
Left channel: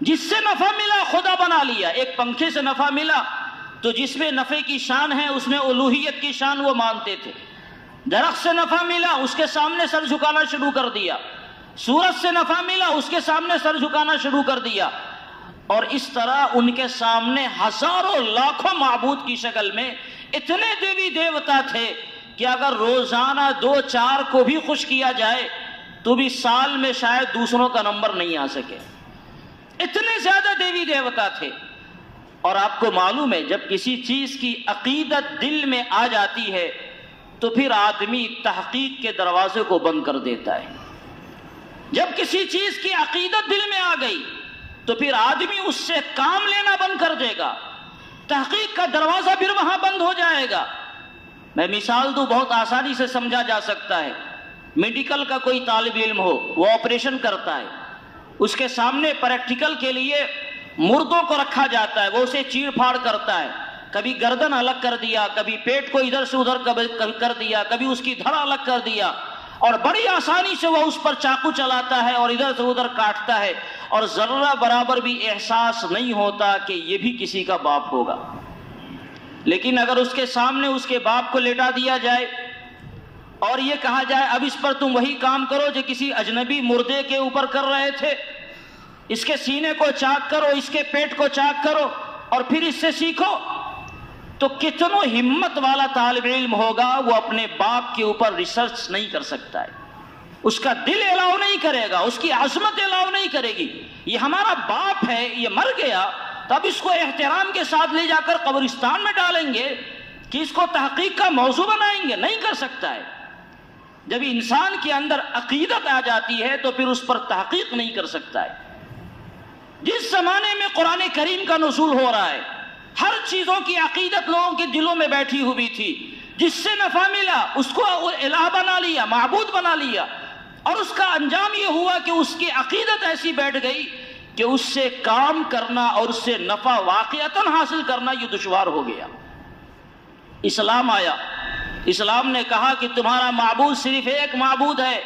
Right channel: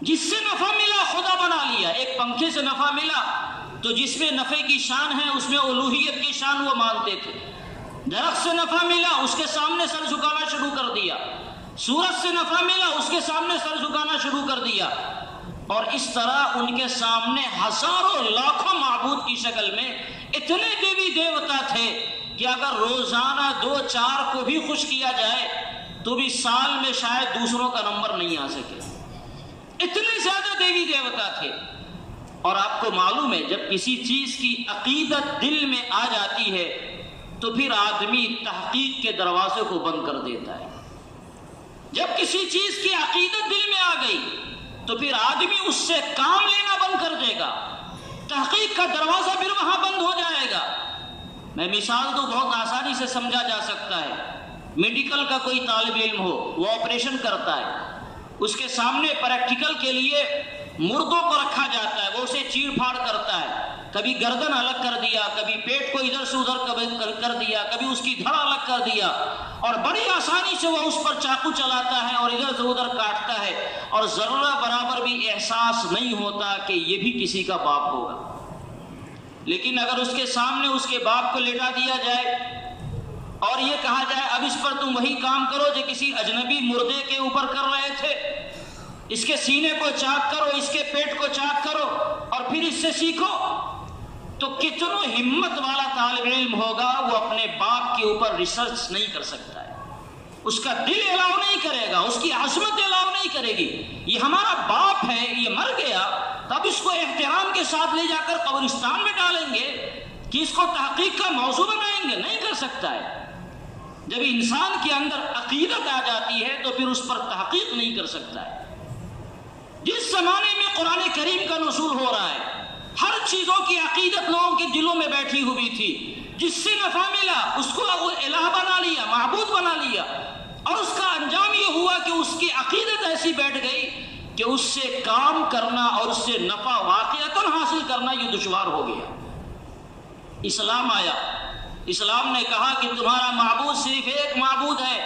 جس سے نفع ملا خدا بنا لیا. ایک پنکھے سے نفع ملا تو جس میں نفع کی شان ہے اس میں الوہیت کی شان وہ مانتے تھے. درخت سے نفع ملا اس کے سامنے سر جھکانا شروع کر دیا. سورج سے نفع ملا اس کے سامنے سر جھکانا شروع کر دیا. اور اس طرح ان کے سامنے ہزاروں لاکھوں معبود کی شکل میں اتنے دیوی دیوتا تھے کہ اگر روزانہ 2-4 کو بھی خوش کیا جائے تو بھی سال میں شاید دوسروں کا نمبر نہیں آ سکے. اتنے زیادہ دیوی دیوتا تھے. اور آپ کو معلوم ہے جب کسی چیز کی عقیدت دل میں آ جاتی ہے تو پھر آدمی تحقیق کے دروازے کو بند کر دیتا ہے. جب کسی چیز کی عقیدت دل میں آ گئی تو پھر آدمی اس سے کام لینا بند کر دے گا، تحقیق کا دروازہ پھر وہاں بند ہو جائے گا۔ میں مثال دوں، بہت آسانی سے سمجھا جا سکتا ہے۔ میڈیکل کا کوئی طالب علم ہو، وہ آپریشن کرتا ہے، اس کے سامنے پریکٹیکل کے لیے مردوں کو رکھا جاتا ہے، وہ اسے چیڑ پھاڑ کرتا ہے، کبھی گردن الگ کر دیا، کبھی پیٹ کو ادھر سے ادھر کر دیا، کبھی اس کی دھڑ الگ کر دیا، اور بڑی آسانی سے وہ اس پر چاقو چلاتا ہے اور ادھر سے ادھر کاٹتا ہے، اور ذرہ برابر بھی احساس نہیں ہوتا کہ یہ بھی کسی کا باپ ہوگا۔ لیکن اگر اس کے سامنے اس کے باپ کو لیٹا دیا جائے اور یہ کہا جائے اب اس پر تم وہی کام کرو جو کسی اجنبی مردے کے اوپر کر رہے تھے، اس کے سینے کو چاک کرو، اس کے پیٹ کو چاک کرو اور پھر اس سے سیکھو، تو کتنوں ہمت والا طالب علم ہوگا وہ اپنے باپ کے اوپر ریسرچ نہیں کر سکتا ہے، اس کا دل الاؤ نہیں کرے گا، اس کی عظمت الاؤ نہیں کرے گی۔ یہ ہمارا باپ ہے، یہ مر گیا، تب اس کو احترام کے ساتھ لے جا کر قبرستان میں ڈالیں گے کہ اس کو تحقیق کا موضوع بنائیں گے؟ نہیں کر سکتا ہے۔ جب انسان کے اندر عقیدت آ جاتی ہے تو پھر اس پر تحقیق نہیں کر سکتا ہے۔ جس زمانے میں قرآن کریم کا نزول ہو رہا ہے، ہر چیزوں کی عقیدت لوگوں کے دلوں میں بیٹھی ہوئی تھی، جس سے نفع ملا اس کو الہ بنا لیا، معبود بنا لیا، اور اس کا انجام یہ ہوا کہ اس کی عقیدت ایسی بیٹھ گئی کہ اس سے کام کرنا اور اس سے نفع واقعتاً حاصل کرنا یہ دشوار ہو گیا۔ اسلام آیا، اسلام نے کہا کہ تمہارا معبود صرف ایک معبود ہے،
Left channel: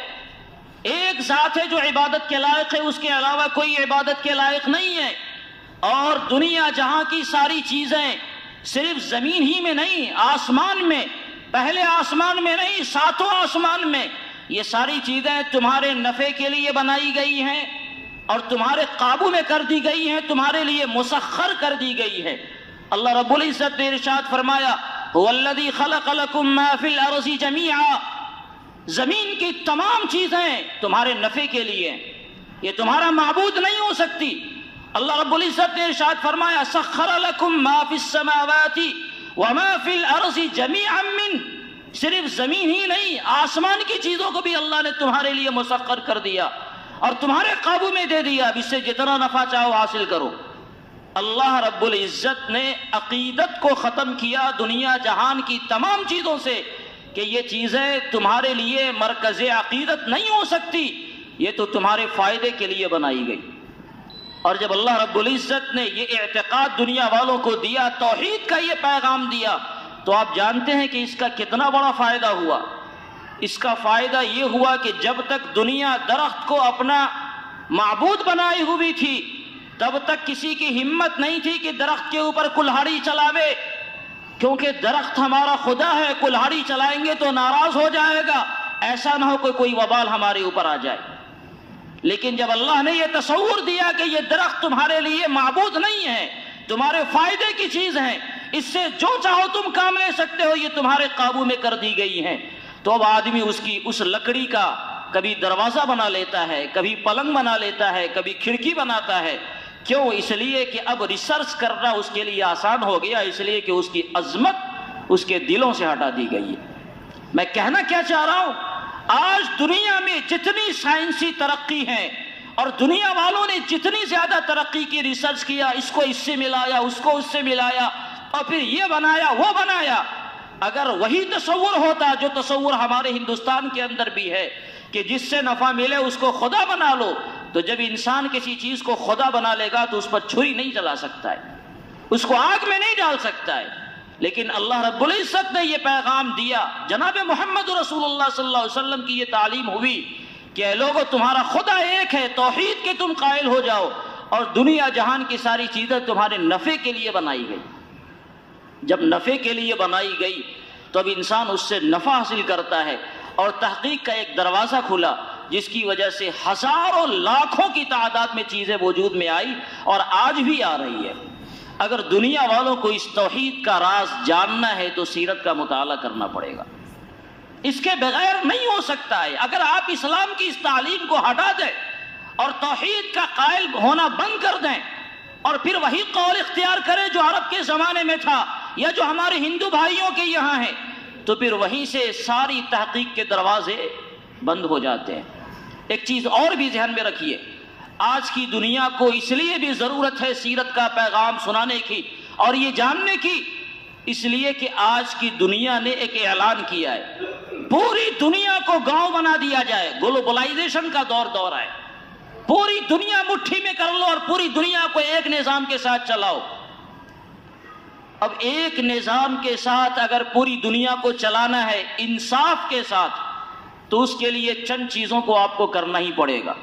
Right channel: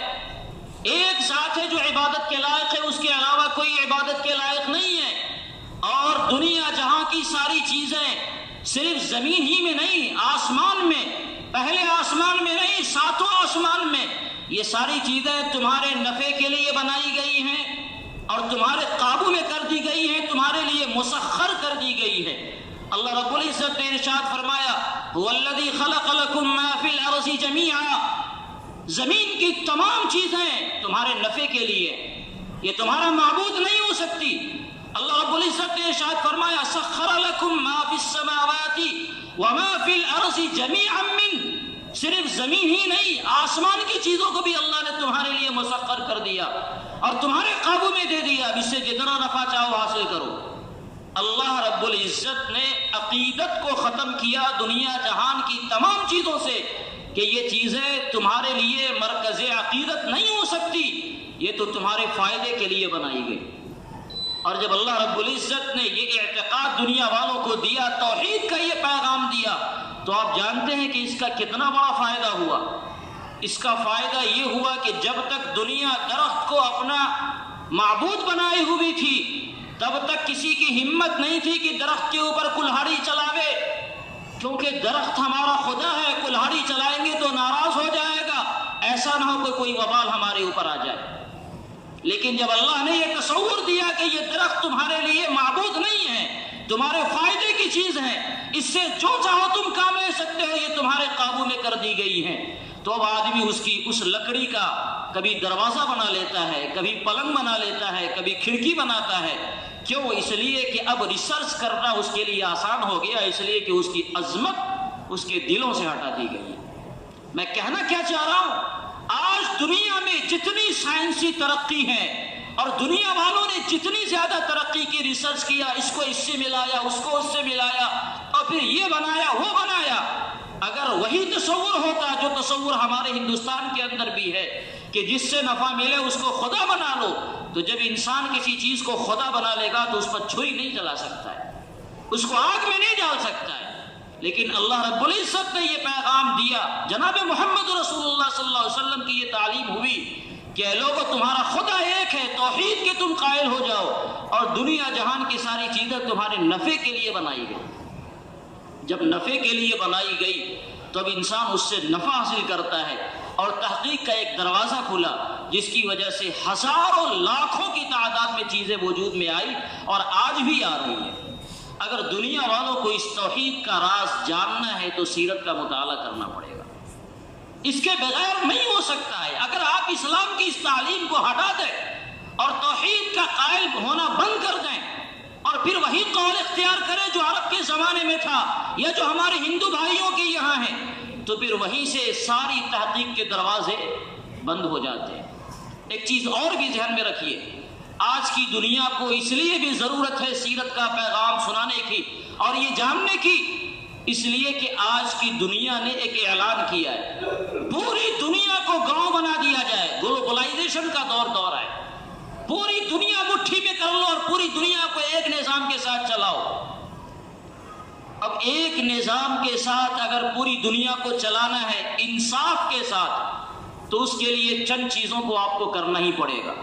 ایک ذات ہے جو عبادت کے لائق ہے، اس کے علاوہ کوئی عبادت کے لائق نہیں ہے، اور دنیا جہاں کی ساری چیزیں صرف زمین ہی میں نہیں، آسمان میں، پہلے آسمان میں نہیں، ساتوں آسمان میں، یہ ساری چیزیں تمہارے نفع کے لیے بنائی گئی ہیں اور تمہارے قابو میں کر دی گئی ہیں، تمہارے لیے مسخر کر دی گئی ہے۔ اللہ رب العزت نے ارشاد فرمایا هو الذی خلق لکم ما فی الارض جمیعا، زمین کی تمام چیزیں تمہارے نفع کے لیے، یہ تمہارا معبود نہیں ہو سکتی۔ اللہ رب العزت نے ارشاد فرمایا سخر لکم ما فی السماوات وما فی الارض جمیعا من، صرف زمین ہی نہیں، آسمان کی چیزوں کو بھی اللہ نے تمہارے لیے مسخر کر دیا اور تمہارے قابو میں دے دیا، اب اس سے جتنا نفع چاہو حاصل کرو۔ اللہ رب العزت نے عقیدت کو ختم کیا دنیا جہان کی تمام چیزوں سے کہ یہ چیزیں تمہارے لیے مرکز عقیدت نہیں ہو سکتی، یہ تو تمہارے فائدے کے لیے بنائی گئی۔ اور جب اللہ رب العزت نے یہ اعتقاد دنیا والوں کو دیا، توحید کا یہ پیغام دیا، تو آپ جانتے ہیں کہ اس کا کتنا بڑا فائدہ ہوا۔ اس کا فائدہ یہ ہوا کہ جب تک دنیا درخت کو اپنا معبود بنائی ہوئی تھی، تب تک کسی کی ہمت نہیں تھی کہ درخت کے اوپر کلہاڑی چلاوے، کیونکہ درخت ہمارا خدا ہے، کلہاڑی چلائیں گے تو ناراض ہو جائے گا، ایسا نہ ہو کہ کوئی وبال ہمارے اوپر آ جائے۔ لیکن جب اللہ نے یہ تصور دیا کہ یہ درخت تمہارے لیے معبود نہیں ہے، تمہارے فائدے کی چیز ہے، اس سے جو چاہو تم کام لے سکتے ہو، یہ تمہارے قابو میں کر دی گئی ہیں، تو اب آدمی اس لکڑی کا کبھی دروازہ بنا لیتا ہے، کبھی پلنگ بنا لیتا ہے، کبھی کھڑکی بناتا ہے۔ کیوں؟ اس لیے کہ اب ریسرچ کرنا اس کے لیے آسان ہو گیا، اس لیے کہ اس کی عظمت اس کے دلوں سے ہٹا دی گئی ہے۔ میں کہنا کیا چاہ رہا ہوں، آج دنیا میں جتنی سائنسی ترقی ہے اور دنیا والوں نے جتنی زیادہ ترقی کی، ریسرچ کیا، اس کو اس سے ملایا، اس کو اس سے ملایا، اور پھر یہ بنایا وہ بنایا، اگر وہی تصور ہوتا جو تصور ہمارے ہندوستان کے اندر بھی ہے کہ جس سے نفع ملے اس کو خدا بنا لو، تو جب انسان کسی چیز کو خدا بنا لے گا تو اس پر چھری نہیں چلا سکتا ہے، اس کو آگ میں نہیں ڈال سکتا ہے۔ لیکن اللہ رب العزت نے یہ پیغام دیا، جناب محمد رسول اللہ صلی اللہ علیہ وسلم کی یہ تعلیم ہوئی کہ اے لوگو، تمہارا خدا ایک ہے، توحید کے تم قائل ہو جاؤ، اور دنیا جہان کی ساری چیزیں تمہارے نفع کے لیے بنائی گئی۔ جب نفع کے لیے بنائی گئی تو اب انسان اس سے نفع حاصل کرتا ہے، اور تحقیق کا ایک دروازہ کھلا جس کی وجہ سے ہزاروں لاکھوں کی تعداد میں چیزیں وجود میں آئی اور آج بھی آ رہی ہے۔ اگر دنیا والوں کو اس توحید کا راز جاننا ہے تو سیرت کا مطالعہ کرنا پڑے گا، اس کے بغیر نہیں ہو سکتا ہے۔ اگر آپ اسلام کی اس تعلیم کو ہٹا دیں اور توحید کا قائل ہونا بند کر دیں اور پھر وہی قول اختیار کریں جو عرب کے زمانے میں تھا یا جو ہمارے ہندو بھائیوں کے یہاں ہیں، تو پھر وہیں سے ساری تحقیق کے دروازے بند ہو جاتے ہیں۔ ایک چیز اور بھی ذہن میں رکھیے، آج کی دنیا کو اس لیے بھی ضرورت ہے سیرت کا پیغام سنانے کی اور یہ جاننے کی، اس لیے کہ آج کی دنیا نے ایک اعلان کیا ہے، پوری دنیا کو گاؤں بنا دیا جائے، گلوبلائزیشن کا دور ہے، پوری دنیا مٹھی میں کر لو اور پوری دنیا کو ایک نظام کے ساتھ چلاؤ۔ اب ایک نظام کے ساتھ اگر پوری دنیا کو چلانا ہے انصاف کے ساتھ، تو اس کے لیے چند چیزوں کو آپ کو کرنا ہی پڑے گا۔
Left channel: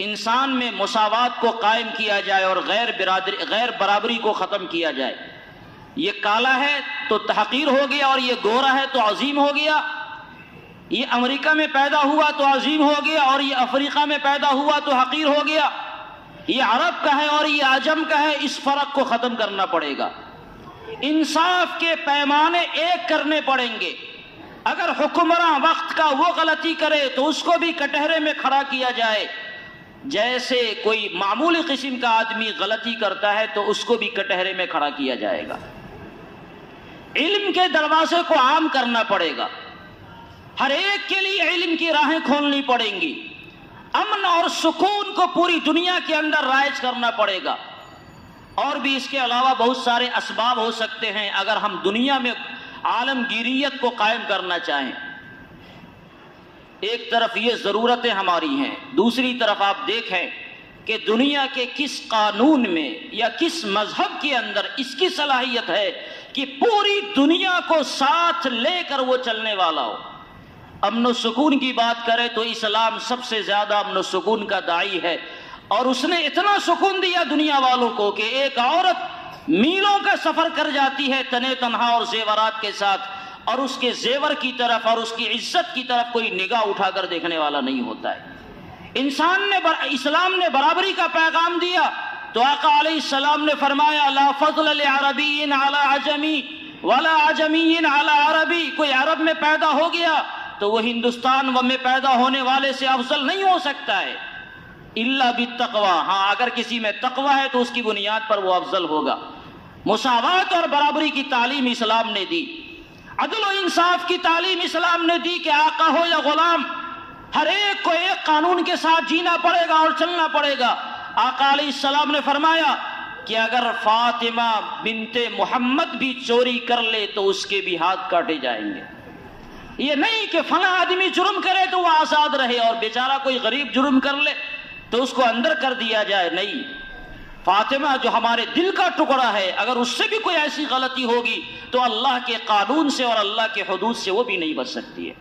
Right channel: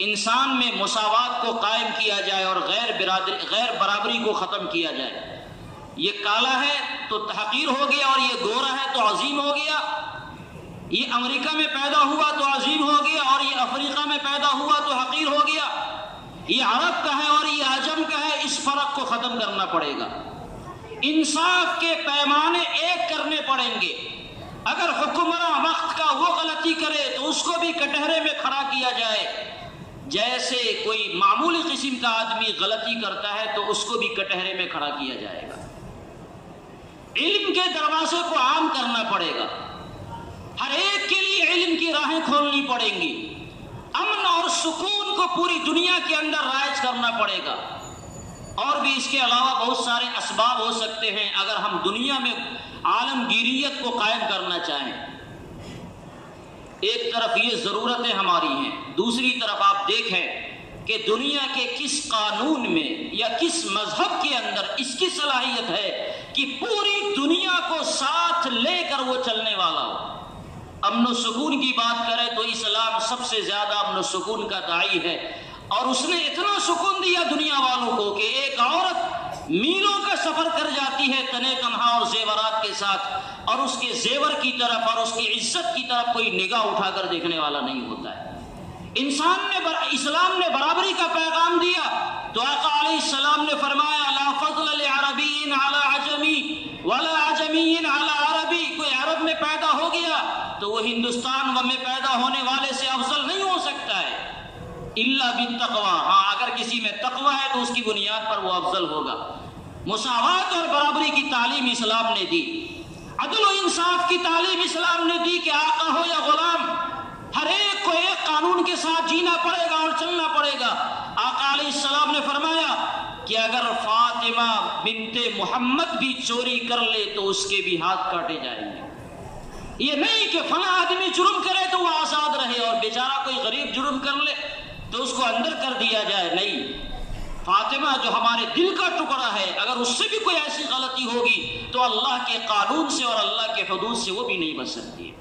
انسان میں مساوات کو قائم کیا جائے اور غیر برابری کو ختم کیا جائے۔ یہ کالا ہے تو تحقیر ہو گیا اور یہ گورا ہے تو عظیم ہو گیا، یہ امریکہ میں پیدا ہوا تو عظیم ہو گیا اور یہ افریقہ میں پیدا ہوا تو حقیر ہو گیا، یہ عرب کا ہے اور یہ عجم کا ہے، اس فرق کو ختم کرنا پڑے گا۔ انصاف کے پیمانے ایک کرنے پڑیں گے۔ اگر حکمراں وقت کا وہ غلطی کرے تو اس کو بھی کٹہرے میں کھڑا کیا جائے، جیسے کوئی معمولی قسم کا آدمی غلطی کرتا ہے تو اس کو بھی کٹہرے میں کھڑا کیا جائے گا۔ علم کے دروازے کو عام کرنا پڑے گا، ہر ایک کے لیے علم کی راہیں کھولنی پڑیں گی، امن اور سکون کو پوری دنیا کے اندر رائج کرنا پڑے گا۔ اور بھی اس کے علاوہ بہت سارے اسباب ہو سکتے ہیں اگر ہم دنیا میں عالمگیریت کو قائم کرنا چاہیں۔ ایک طرف یہ ضرورتیں ہماری ہیں، دوسری طرف آپ دیکھیں کہ دنیا کے کس قانون میں یا کس مذہب کے اندر اس کی صلاحیت ہے کہ پوری دنیا کو ساتھ لے کر وہ چلنے والا ہو۔ امن و سکون کی بات کریں تو اسلام سب سے زیادہ امن و سکون کا داعی ہے، اور اس نے اتنا سکون دیا دنیا والوں کو کہ ایک عورت میلوں کا سفر کر جاتی ہے تنے تنہا اور زیورات کے ساتھ، اور اس کے زیور کی طرف اور اس کی عزت کی طرف کوئی نگاہ اٹھا کر دیکھنے والا نہیں ہوتا ہے۔ اسلام نے برابری کا پیغام دیا تو آقا علیہ السلام نے فرمایا لا فضل لعربی علی عجمی ولا عجمی علی عربی، کوئی عرب میں پیدا ہو گیا تو وہ ہندوستان میں پیدا ہونے والے سے افضل نہیں ہو سکتا ہے، الا بالتقوی، ہاں اگر کسی میں تقوی ہے تو اس کی بنیاد پر وہ افضل ہوگا۔ مساوات اور برابری کی تعلیم اسلام نے دی، عدل و انصاف کی تعلیم اسلام نے دی کہ آقا ہو یا غلام ہر ایک کو ایک قانون کے ساتھ جینا پڑے گا اور چلنا پڑے گا۔ آقا علیہ السلام نے فرمایا کہ اگر فاطمہ بنت محمد بھی چوری کر لے تو اس کے بھی ہاتھ کاٹے جائیں گے۔ یہ نہیں کہ فلاں آدمی جرم کرے تو وہ آزاد رہے اور بیچارہ کوئی غریب جرم کر لے تو اس کو اندر کر دیا جائے، نہیں۔ فاطمہ جو ہمارے دل کا ٹکڑا ہے، اگر اس سے بھی کوئی ایسی غلطی ہوگی تو اللہ کے قانون سے اور اللہ کے حدود سے وہ بھی نہیں بچ سکتی ہے۔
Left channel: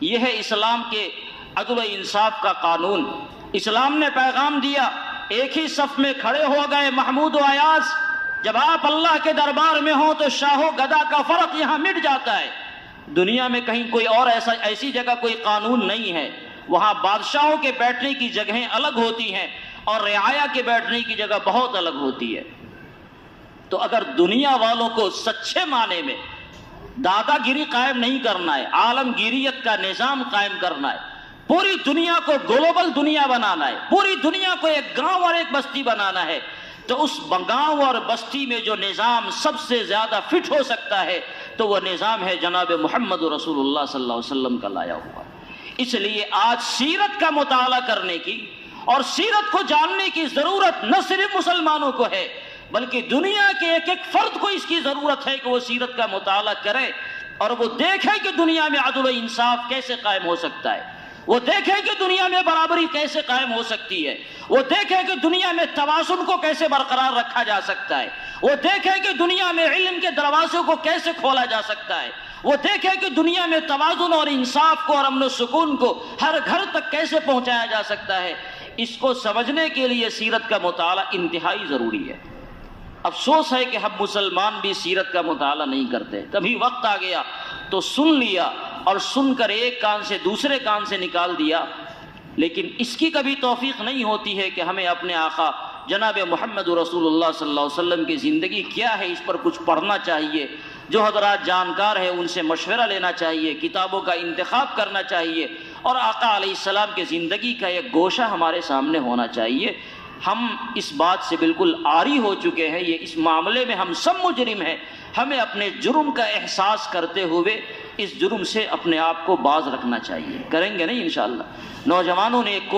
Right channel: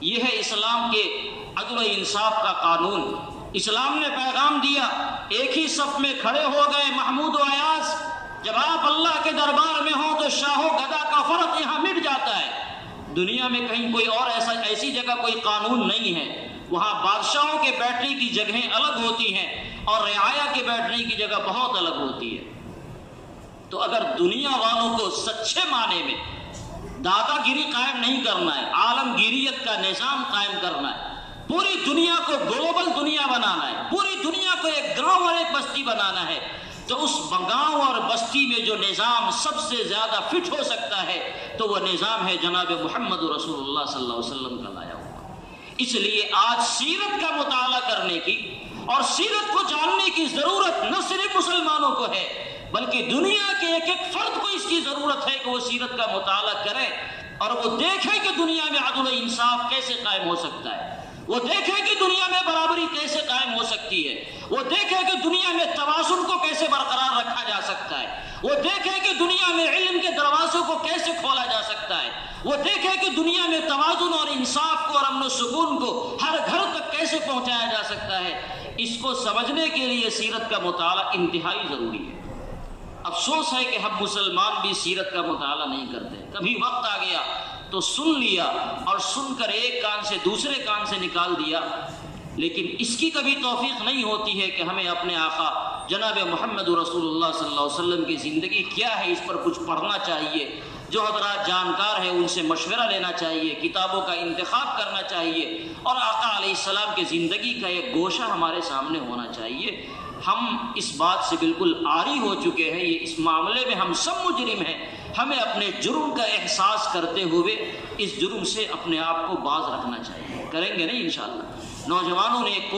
یہ ہے اسلام کے عدل و انصاف کا قانون۔ اسلام نے پیغام دیا، ایک ہی صف میں کھڑے ہو گئے محمود و ایاز، جب آپ اللہ کے دربار میں ہوں تو شاہ و گدا کا فرق یہاں مٹ جاتا ہے۔ دنیا میں کہیں کوئی اور ایسی جگہ کوئی قانون نہیں ہے، وہاں بادشاہوں کے بیٹھنے کی جگہیں الگ ہوتی ہیں اور رعایا کے بیٹھنے کی جگہ بہت الگ ہوتی ہے۔ تو اگر دنیا والوں کو سچے معنی میں دادا گیری قائم نہیں کرنا ہے، عالمگیریت کا نظام قائم کرنا ہے، پوری دنیا کو گلوبل دنیا بنانا ہے، پوری دنیا کو ایک گاؤں اور ایک بستی بنانا ہے، تو اس گاؤں اور بستی میں جو نظام سب سے زیادہ فٹ ہو سکتا ہے تو وہ نظام ہے جناب محمد رسول اللہ صلی اللہ علیہ وسلم کا لایا ہوا۔ اس لیے آج سیرت کا مطالعہ کرنے کی اور سیرت کو جاننے کی ضرورت نہ صرف مسلمانوں کو ہے بلکہ دنیا کے ایک ایک فرد کو اس کی ضرورت ہے کہ وہ سیرت کا مطالعہ کرے اور وہ دیکھے کہ دنیا میں عدل و انصاف کیسے قائم ہو سکتا ہے، وہ دیکھے کہ دنیا میں برابری کیسے قائم ہو سکتی ہے، وہ دیکھے کہ دنیا میں توازن کو کیسے برقرار رکھا جا سکتا ہے، وہ دیکھے کہ دنیا میں علم کے دروازے کو کیسے کھولا جا سکتا ہے، وہ دیکھے کہ دنیا میں توازن اور انصاف کو اور امن و سکون کو ہر گھر تک کیسے پہنچایا جا سکتا ہے۔ اس کو سمجھنے کے لیے سیرت کا مطالعہ انتہائی ضروری ہے۔ افسوس ہے کہ ہم مسلمان بھی سیرت کا مطالعہ نہیں کرتے، کبھی وقت آ گیا تو سن لیا اور سن کر ایک کان سے دوسرے کان سے نکال دیا، لیکن اس کی کبھی توفیق نہیں ہوتی ہے کہ ہمیں اپنے آقا جناب محمد رسول اللہ صلی اللہ علیہ وسلم کی زندگی کیا ہے اس پر کچھ پڑھنا چاہیے، جو حضرات جانکار ہیں ان سے مشورہ لینا چاہیے، کتابوں کا انتخاب کرنا چاہیے، اور آقا علیہ السلام کی زندگی کا ایک گوشہ ہمارے سامنے ہونا چاہیے۔ ہم اس بات سے بالکل عاری ہو چکے ہیں، یہ اس معاملے میں ہم سب مجرم ہیں، ہمیں اپنے جرم کا احساس کرتے ہوئے اس جرم سے اپنے آپ کو باز رکھنا چاہیے۔ کریں گے نہیں انشاءاللہ۔ نوجوانوں نے ایک